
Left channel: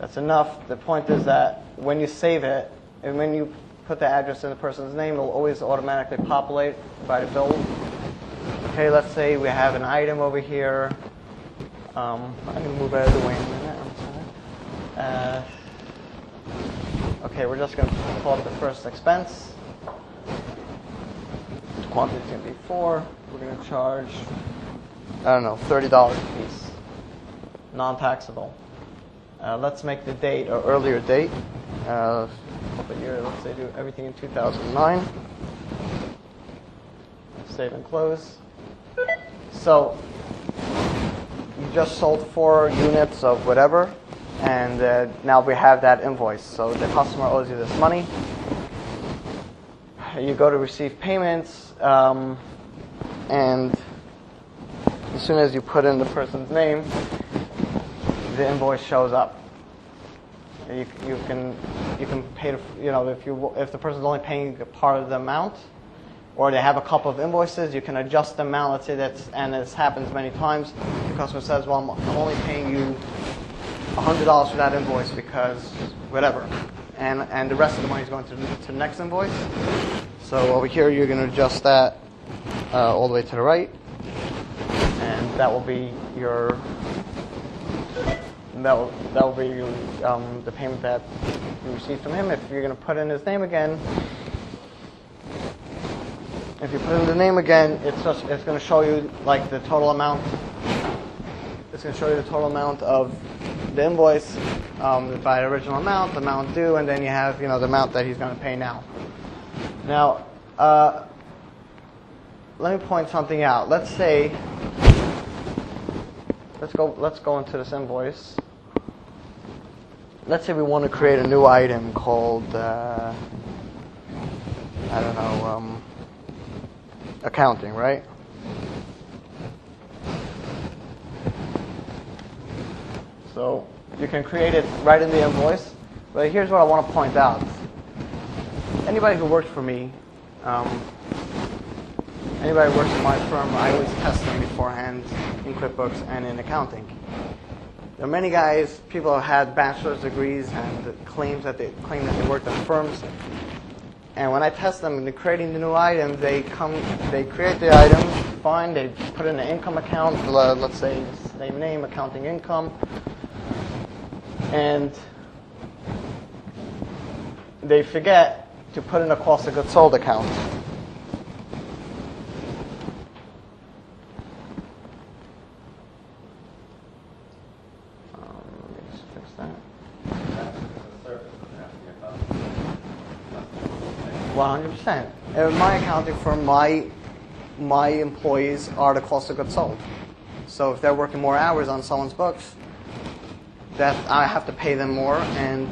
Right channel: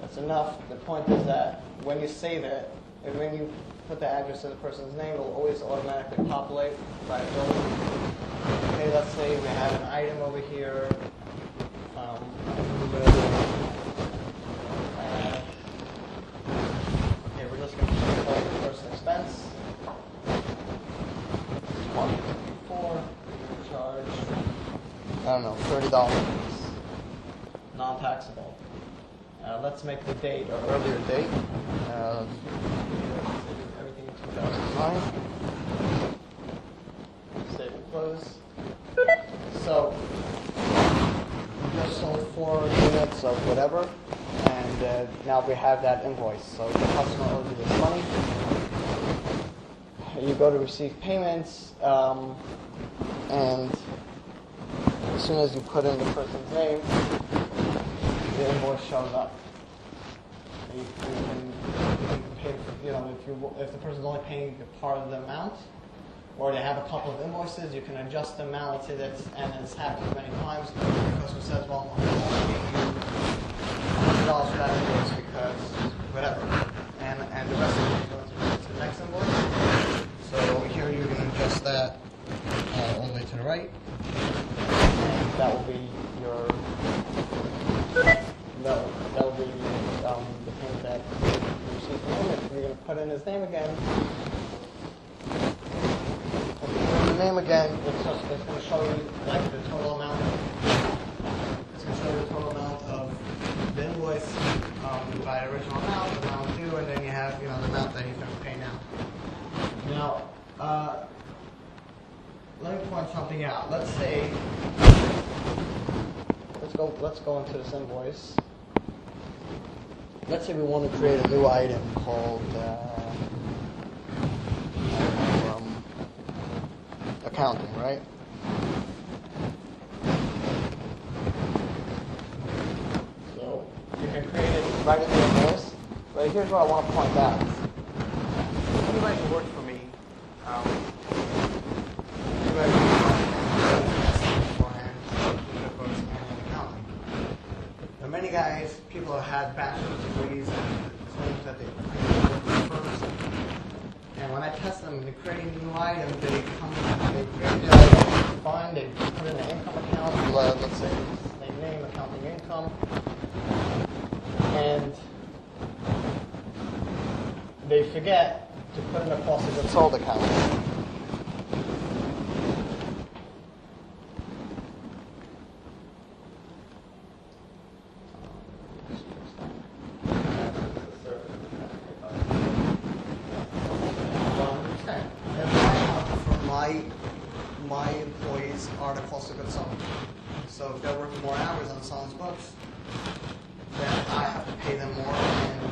That's enough. The point is that when you save it, and when you put the address in the person's name, it'll always automatically populate by the bill. Okay, let's say we have an item over here. I can move it out of the way. Okay, we're just going to call it the first expense. Quantity is going to be 4. We're going to charge, $30 a piece. Non-taxable. Let's make the date or earlier date. Over here, let's say do everything in 2009. Save and close. So, you just sold 4 units of whatever, and now we have that invoice. So the customer owes you this money. You go to receive payments, and as soon as you put in the person's name, the invoice shows up. You can pay, if the person's only paying a part of the amount, or they have a couple of invoices, you can adjust the amount. Let's say and this happens many times. The customer says, well, I'm only paying you $100 for that invoice because whatever. And the rest of the money is going to the next invoice. So over here, you're going to adjust that all the way to the right. And that will be your... That will be the payment that you receive from him. If you're going to put in his name again, if you put in the name again, it's going to show you like the total amount. It's going to show you the total amount of the invoice by the original amount, the amount due, and then you have the amount that he's going to pay now. Now, let me point something out. Let's say let's go into this invoice. Let's say we want to create a new item called, accounting, right? So you can create it right in the invoice. But here's what I want to point out. Anybody who works for me, anybody works in my firm, I always test them beforehand in QuickBooks and in accounting. There are many guys, people have had bachelor's degrees and claim that they worked at firms. And when I test them in creating the new item, they create the item, they put in an income account, let's say they name accounting income, and they forget to put in a cost of goods sold account. Well, 100%. In my accounting firm, my employees are the cost of goods sold. So if they're working more hours on someone's books, that I have to pay them more, and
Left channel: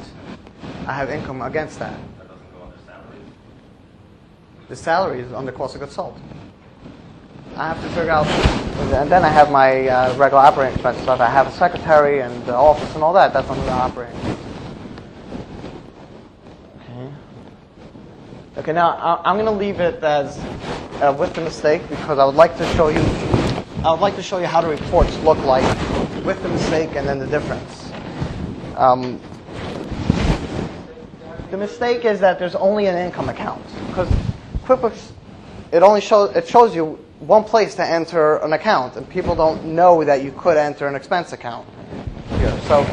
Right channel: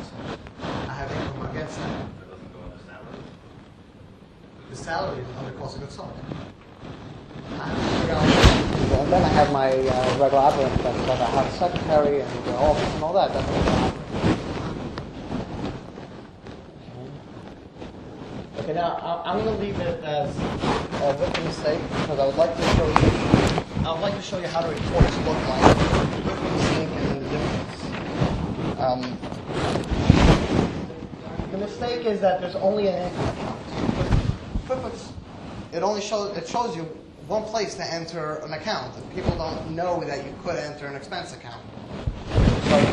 I have income against that. That doesn't go under salaries? The salary is under cost of goods sold. I have to figure out, and then I have my regular operating expenses stuff. I have a secretary and the office and all that. That's under the operating. Okay, now I'm going to leave it as with the mistake because I would like to show you how the reports look like with the mistake and then the difference. The mistake is that there's only an income account because QuickBooks it shows you one place to enter an account, and people don't know that you could enter an expense account here. So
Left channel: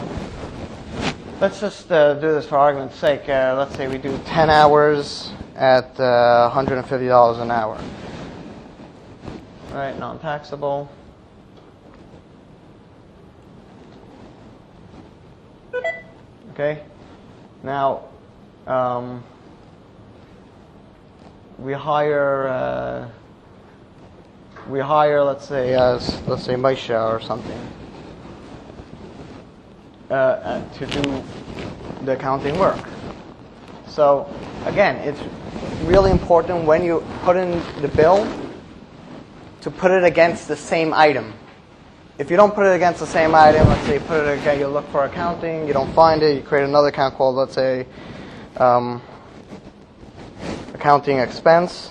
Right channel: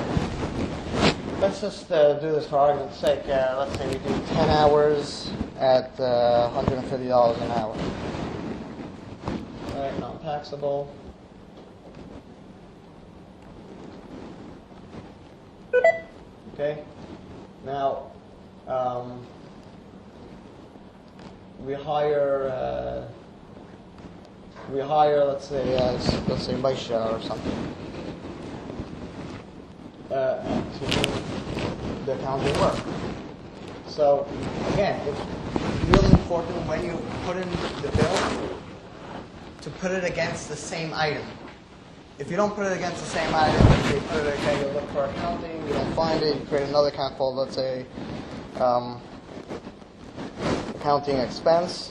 let's just do this for argument's sake. Let's say we do 10 hours at $150 an hour. Right, non-taxable. Okay. Now, we hire, let's say Maisha or something to do the accounting work. So again, it's really important when you put in the bill to put it against the same item. If you don't put it against the same item, let's say you put it again, you look for accounting, you don't find it, you create another account called, let's say, accounting expense.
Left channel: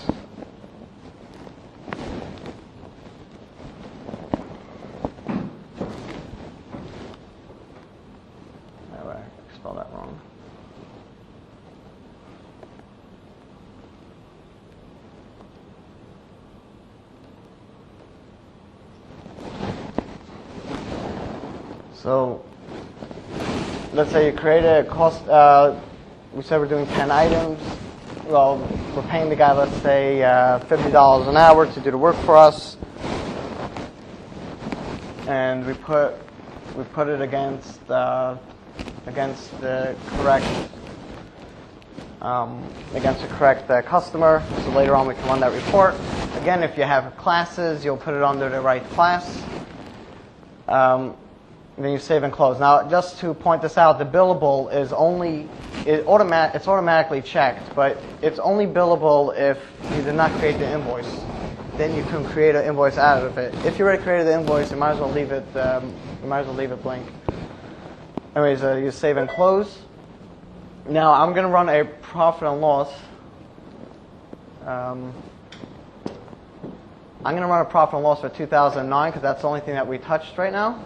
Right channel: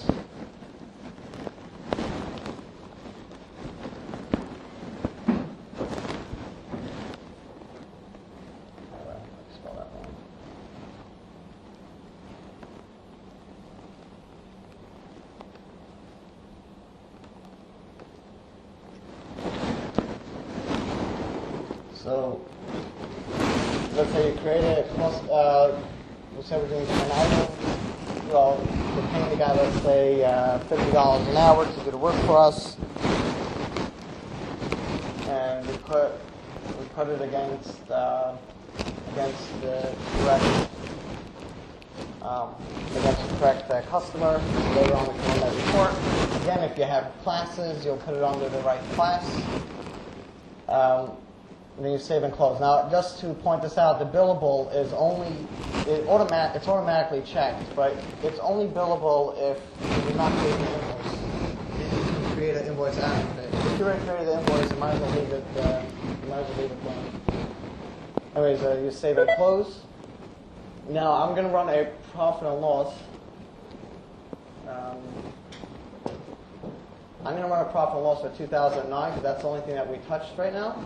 I spelled that wrong. So let's say you create a cost, we said we're doing 10 items. Well, we're paying the guy, let's say, $50 an hour to do the work for us. And we put it against the correct customer. So later on we can run that report. Again, if you have classes, you'll put it under the right class. Then you save and close. Now, just to point this out, the billable is it's automatically checked, but it's only billable if you did not create the invoice. Then you can create an invoice out of it. If you already created the invoice, you might as well leave it blank. Anyways, you save and close. Now, I'm going to run a profit and loss. I'm going to run a profit and loss for 2009 because that's the only thing that we touched right now.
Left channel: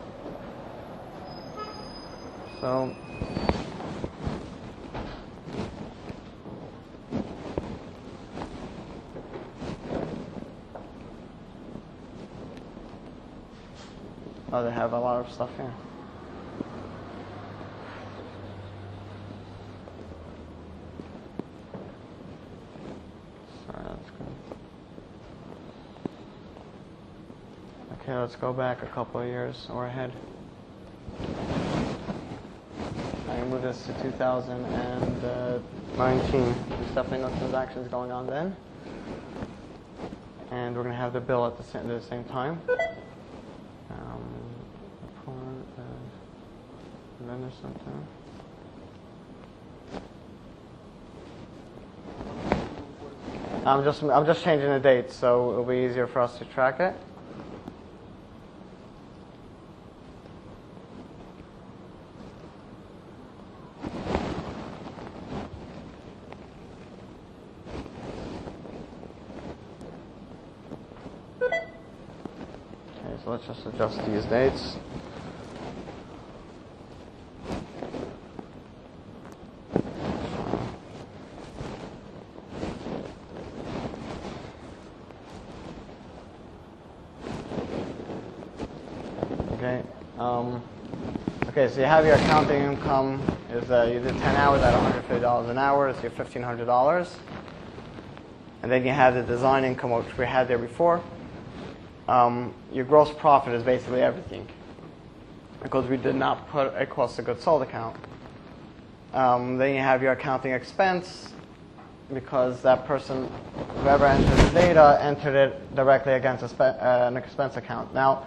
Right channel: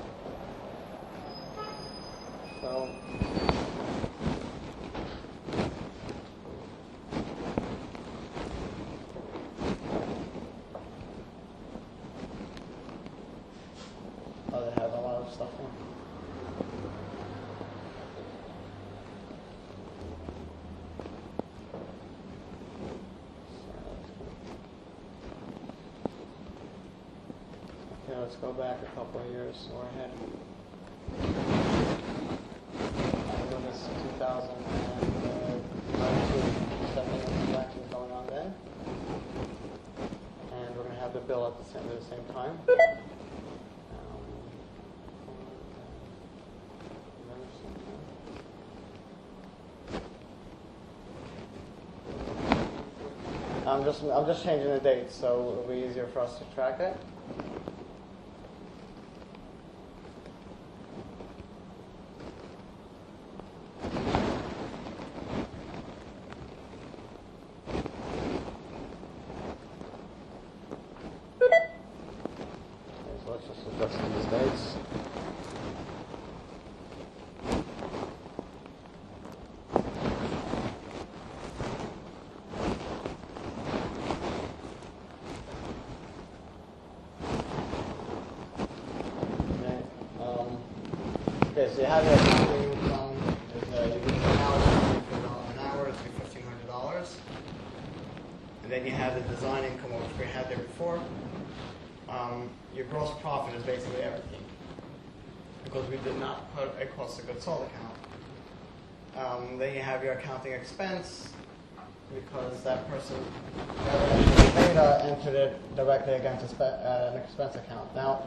So they have a lot of stuff here. Sorry, that's good. Okay, let's go back a couple of years or ahead. I'm going to move this to 2019. There's definitely no transactions going on then. And we're going to have the bill at the same time. Then there's something. I'm just changing the date, so it'll be easier for us to track it. let's just adjust these dates. Okay. Okay, so you have your accounting income is you did 10 hours at $150 an hour, it's your $1,500. And then you have the design income, which we had there before. Your gross profit is basically everything, because we did not put a cost of goods sold account. Then you have your accounting expense, because that person, whoever entered the data, entered it directly against an expense account. Now,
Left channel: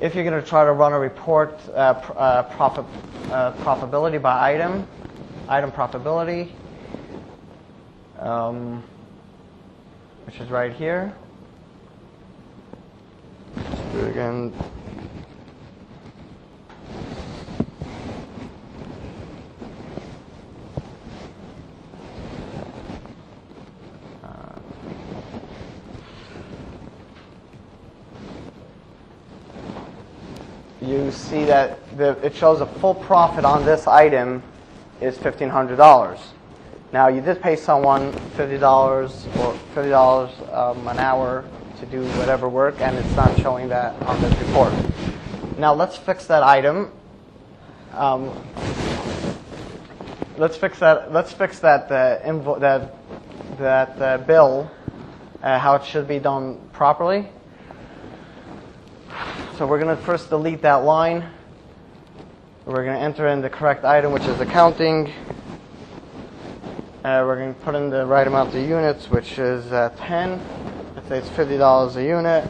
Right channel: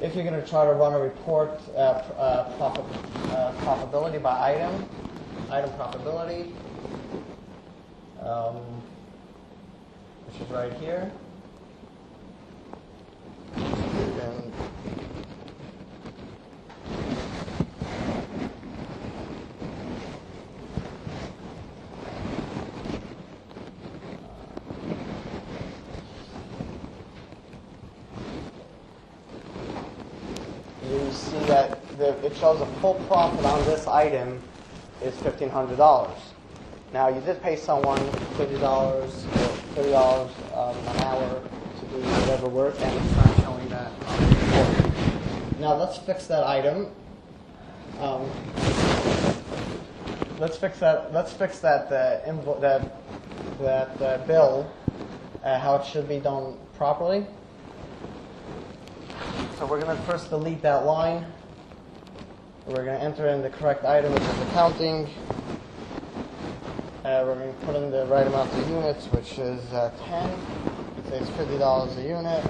if you're going to try to run a report, profitability by item profitability, which is right here. Do it again. You see that it shows a full profit on this item is $1,500. Now, you did pay someone $50 or $50 an hour to do whatever work, and it's not showing that on this report. Now, let's fix that item. Let's fix that bill, how it should be done properly. So we're going to first delete that line. We're going to enter in the correct item, which is accounting. We're going to put in the right amount of units, which is 10. Let's say it's $50 a unit.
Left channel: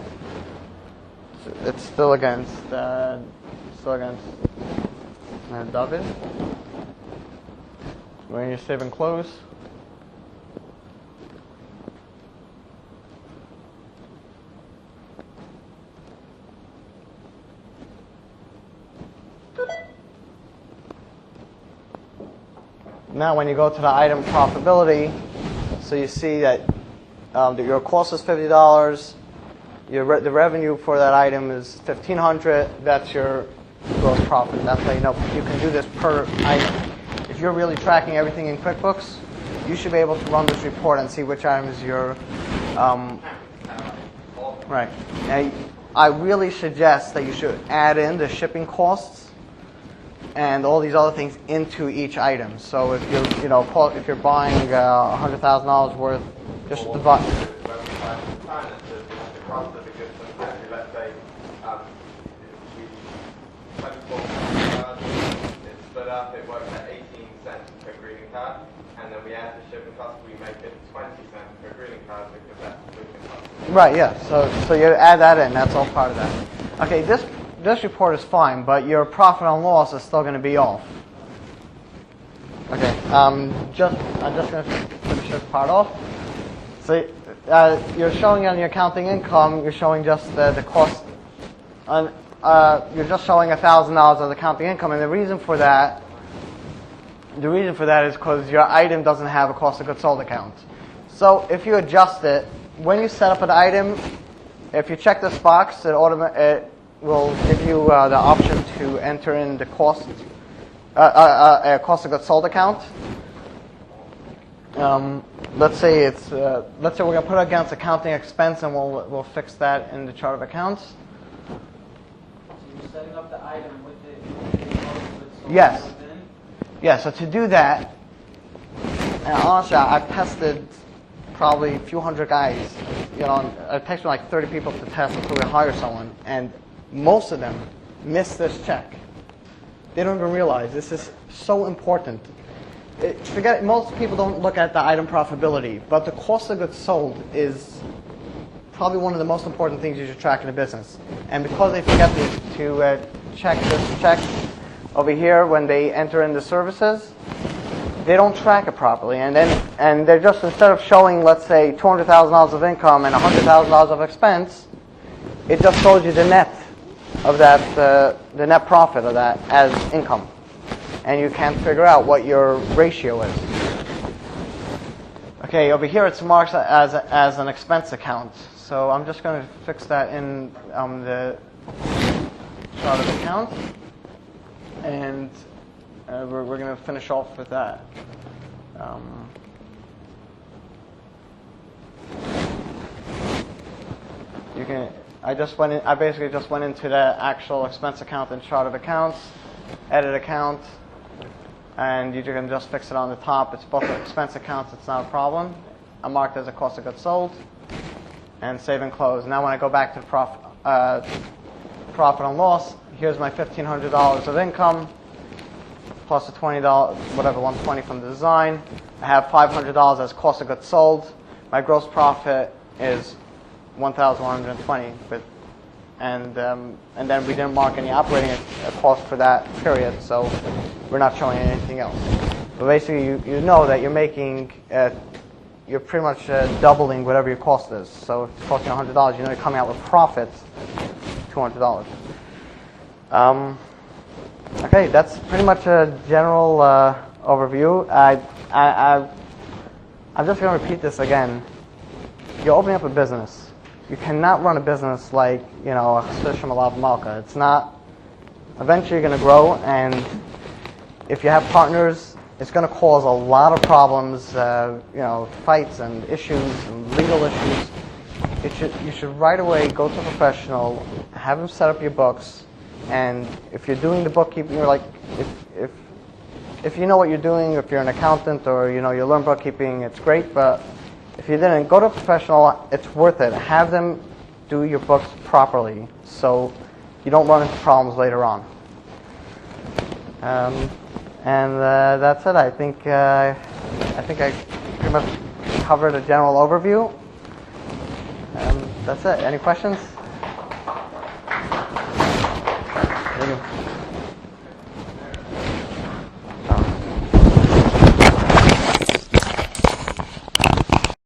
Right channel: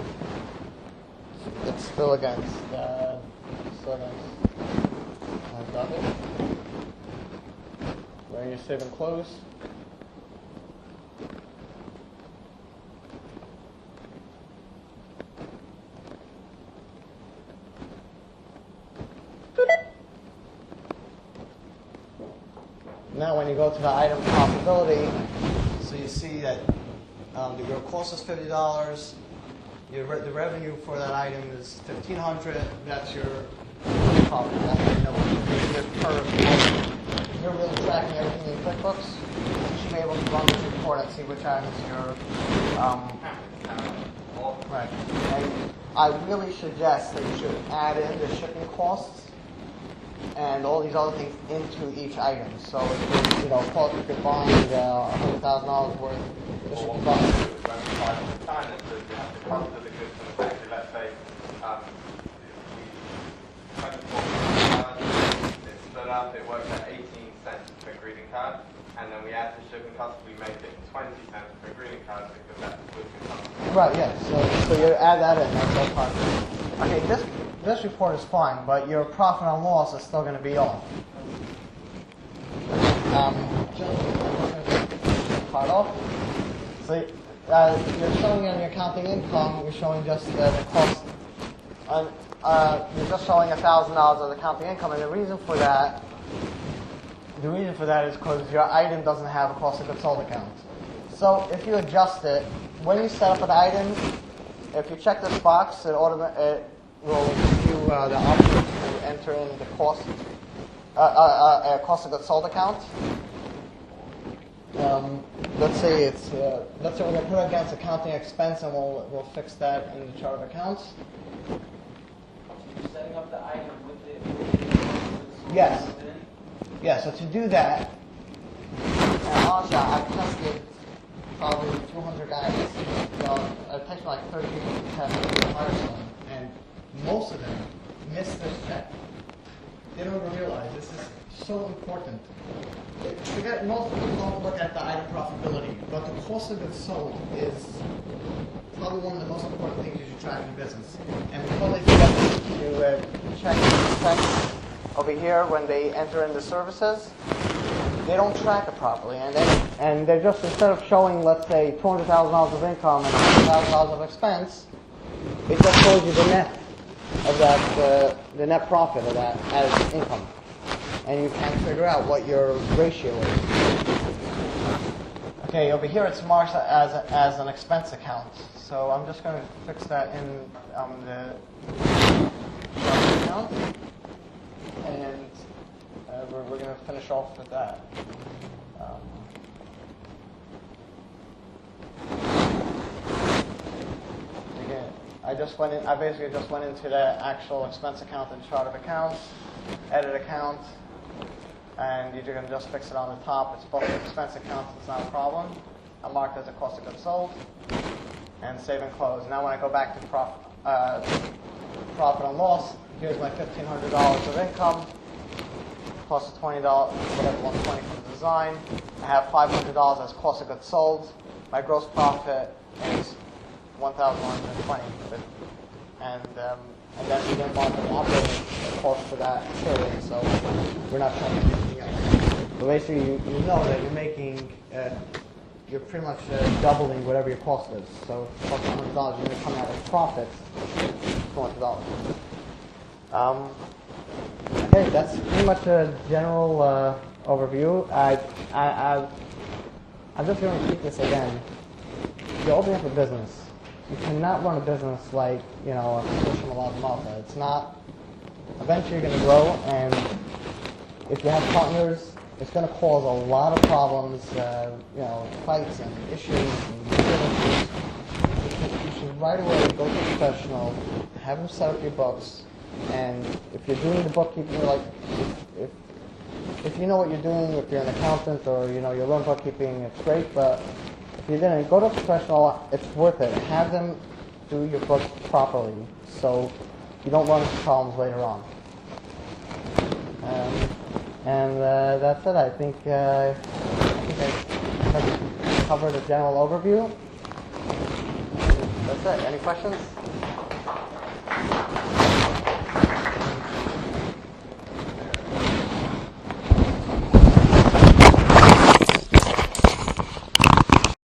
So it's still against Dovid. When you save and close. Now when you go to the item profitability, so you see that your cost is $50, the revenue for that item is $1,500, that's your gross profit. That's how you know you can do this per item. If you're really tracking everything in QuickBooks, you should be able to run this report and see which item is your right. And I really suggest that you should add in the shipping costs and all these other things into each item. So if if you're buying $100,000 worth, just divide. When we have design it, the cost of the goods for the factory, let's say, 24 cards, it stood up, it works at 18 cents per greeting card, and then we add the shipping cost, we make it 20 cents per greeting card because that's with the cost. Right, yeah. So you add that in, that's all part of that. Okay, this report is fine, but your profit and loss is still going to be off. Okay, I'm just going to finish this part off. So you're showing on your accounting income, you're showing just the cost. You're just showing $1,000 of the accounting income, and the reason for that is because your item doesn't have a cost of goods sold account. So if you adjust it, when you set up an item, if you check this box, it will give you the option to enter in the cost of goods sold account. Let's say we're going to put it against accounting expense, and we'll fix that in the chart of accounts. So you're setting up the item with the cost of goods sold. Yes. Yeah. So to do that, and honestly, I've tested probably a few hundred guys. It takes me like 30 people to test until we hire someone, and most of them miss this check. They don't even realize this is so important. Most people don't look at the item profitability, but the cost of goods sold is probably one of the most important things you should track in a business. And because they forget to check this check over here when they enter in the services, they don't track it properly. And they're just, instead of showing, let's say, $200,000 of income and $100,000 of expense, it just shows you the net of that, the net profit of that as income. And you can't figure out what your ratio is. Okay, over here it's marked as an expense account. So I'm just going to fix that in the chart of account, and we're going to finish off with that. I basically just went into the actual expense account and chart of accounts, edit account, and you can just fix it on the top. It's both expense accounts, it's not a problem. I marked as a cost of goods sold, and save and close. Now when I go back to profit and loss, here's my $1,500 of income, plus the $20, whatever, $120 from the design. I have $500 as cost of goods sold. My gross profit is $1,120, and then we didn't mark any operating costs for that period, so we're not showing anything else. So basically, you know that you're making, you're pretty much doubling whatever your cost is. So if it's costing $100, you know you're coming out with profits, $200. Okay, that's pretty much a general overview. I'm just going to repeat this again. You're opening up a business. You cannot run a business like, a fish from a lava malka. It's not. Eventually you're going to grow, and if you have partners, it's going to cause a lot of problems, fights and issues and legal issues. You should right away go to a professional, have them set up your books, and if you're doing the bookkeeping, you're like, if you know what you're doing, if you're an accountant or you learn bookkeeping, it's great, but if you didn't, go to a professional, it's worth it. Have them do your books properly so you don't run into problems later on. And that's it. I think I pretty much covered a general overview. And that's it. Any questions?